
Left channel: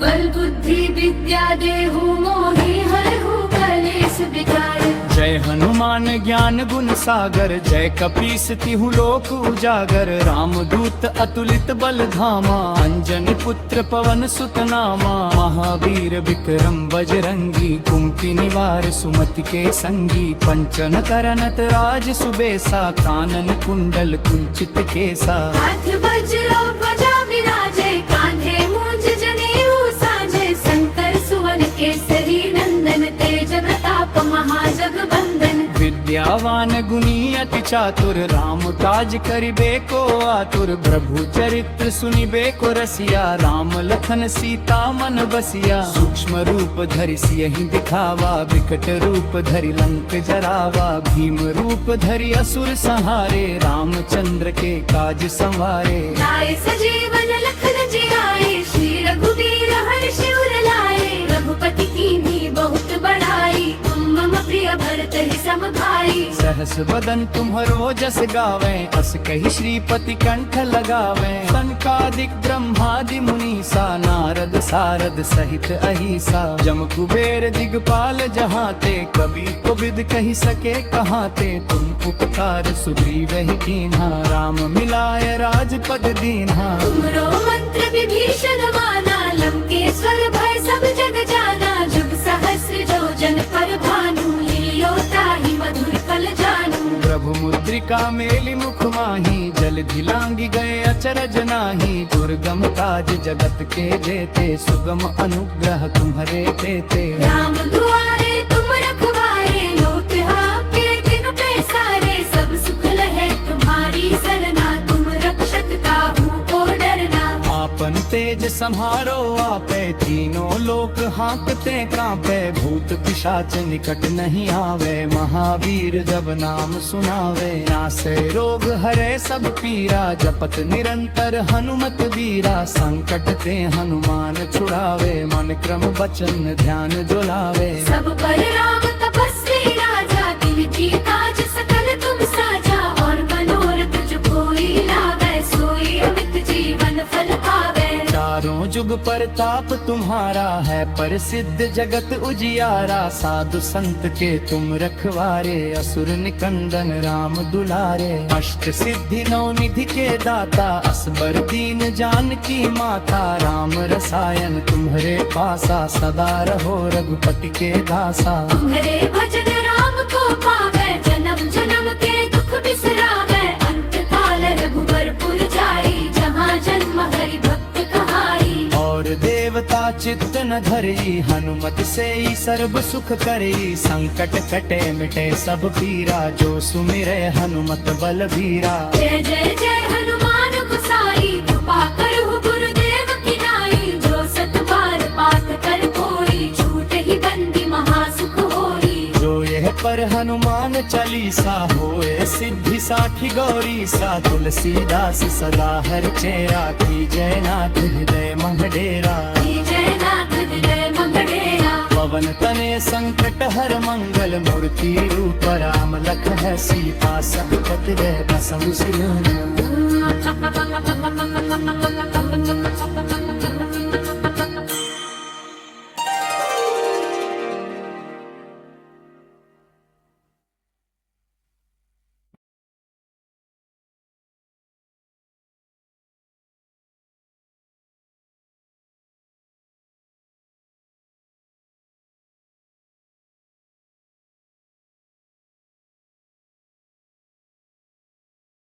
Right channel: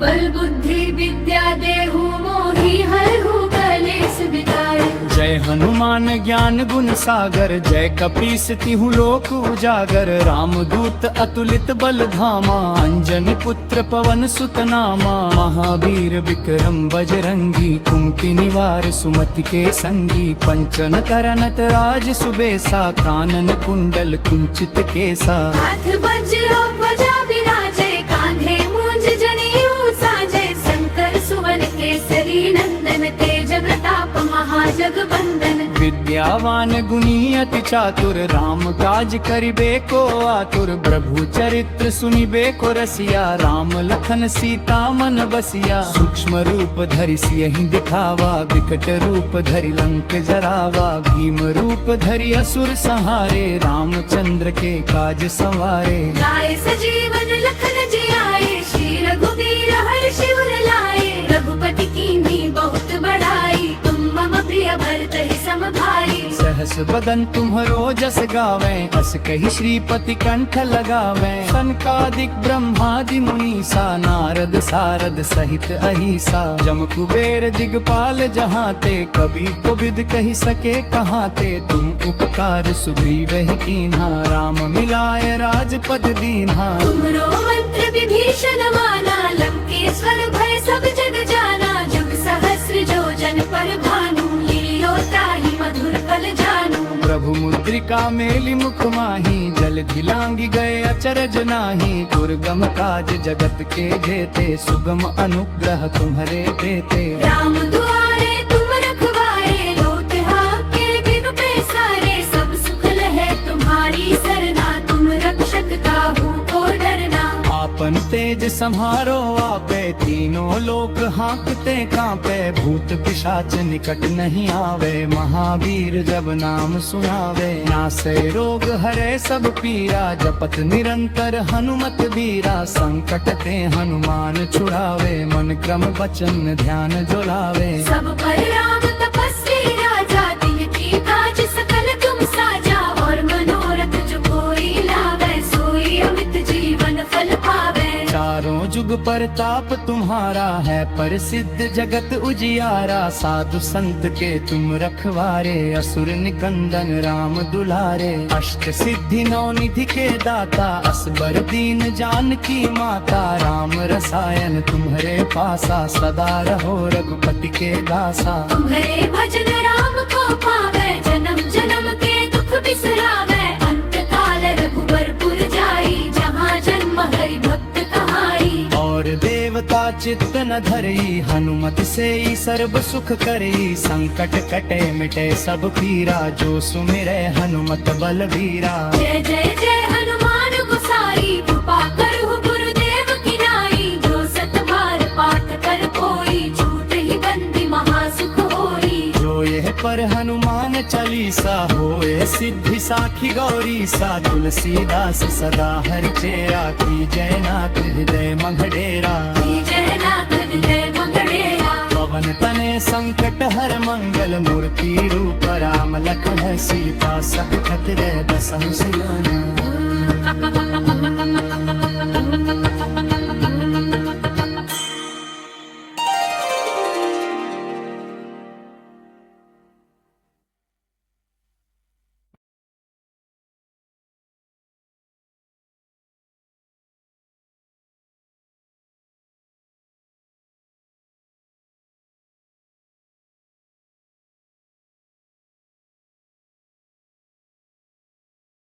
बल बुद्धि विद्या देहु मोहि हरहु कलेस विकार। जय हनुमान ज्ञान गुण सागर, जय कपीस तिहु लोक उजागर। रामदूत अतुलित बल धामा, अंजनी पुत्र पवन सुत नामा। महावीर विक्रम बजरंगी, कुमति निवार सुमति के संगी। पंचन करनत राज सुबेसा, कानन कुंडल कुंचित केसा। हाथ वज्र ध्वजा विराजे, कान्हे मूंज जनेऊ साजे। शंकर सुवन केसरी नंदन, तेज प्रताप महाजगबंदन। विद्यावान गुणी अति चातुर, राम काज करिबे को आतुर। प्रभु चरित्र सुनिबे को रसिया, राम लखन सीता मन बसिया। सूक्ष्म रूप धरि सियहि दिखावा, विकट रूप धरि लंक जरावा। भीम रूप धरि असुर संहारे, रामचंद्र के काज संवारे। लाए सजीवन लखन जियाए, श्री रघुवीर हर्षि उर लाए। रघुपति कीन्ही बहुत बड़ाई, तुम मम प्रिय भरत ही सम भाई। सहस बदन तुम्हरो जस गावे, अस कही श्रीपति कंठ लगावे। सनकादिक ब्रह्मादि मुनीसा, नारद सारद सहित अहिसा। जम कुबेर दिगपाल जहाते, कबीर को बिद कही सके कहाते। तुम उपकार सुग्रीव ही कीन्हा, राम मिलाए राजपद दीन्हा। तुमरो मंत्र विभीषण माना, लंकेश्वर भय सब जग जाना। जुग सहस्र जो जन पर भानु, लील्यो ताहि मधुर फल जानू। प्रभु मुद्रिका मेली मुख माही, जल धिलांगी गए अचरज नाही। दुर्गम काज जगत के जेते, सुगम अनुग्रह तुम्हरे तेते। राम दुआरे तुम रखवारे, लोट आपके बिनु पैसारे। सब सुख लहे तुम्हारी सरना, तुम रक्षक काहू को डरना। आपन तेज सम्हारो आपे, तीनों लोक हाँकते कांपे। भूत पिशाच निकट नहीं आवे, महावीर जब नाम सुनावे। नासे रोग हरे सब पीरा, जपत निरंतर हनुमत बीरा। संकट ते हनुमान छुड़ावे, मन क्रम वचन ध्यान जुलावे। सब पर राम तपस्वी राजा, तिनकी काज सकल तुम साजा। और मनोरथ जो कोई लावे, सोई अमित जीवन फल पावे। चारों जुग परताप तुम्हारा है, प्रसिद्ध जगत उजियारा। साधु संत के तुम रखवारे, असुर निकंदन राम दुलारे। अष्ट सिद्धि नौ निधि के दाता, असबर दीन जानकी माता। राम रसायन तुम्हरे पासा, सदा रहो रघुपति के दासा। तुम्हारे भजन राम को पावे, जन्म जन्म के दुख बिसरावे। अंत काल रघुबर पुर जाई, जहाँ जन्म हरि भक्त कहाई। और देवता चित्त न धरई, हनुमत से ही सर्व सुख करई। संकट कटे मिटे सब पीरा, जो सुमिरे हनुमत बलबीरा। जय जय जय हनुमान गोसाई, कृपा करहु गुरुदेव की नाई। जो सत बार पाठ कर कोई, छूट ही बंदी महासुख होई। जो यह पर हनुमान चालीसा, होए सिद्धि साखी गौरी सा। तुलसीदास सदा हरि चेरा, की जय नाथ हृदय मंगडेरा। जय नाथ हृदय मंगड़ेरा। पवन तने संकट हर मंगल, मूर्ति रूप राम लखन सीता। सकत रे बसहु सिलोना।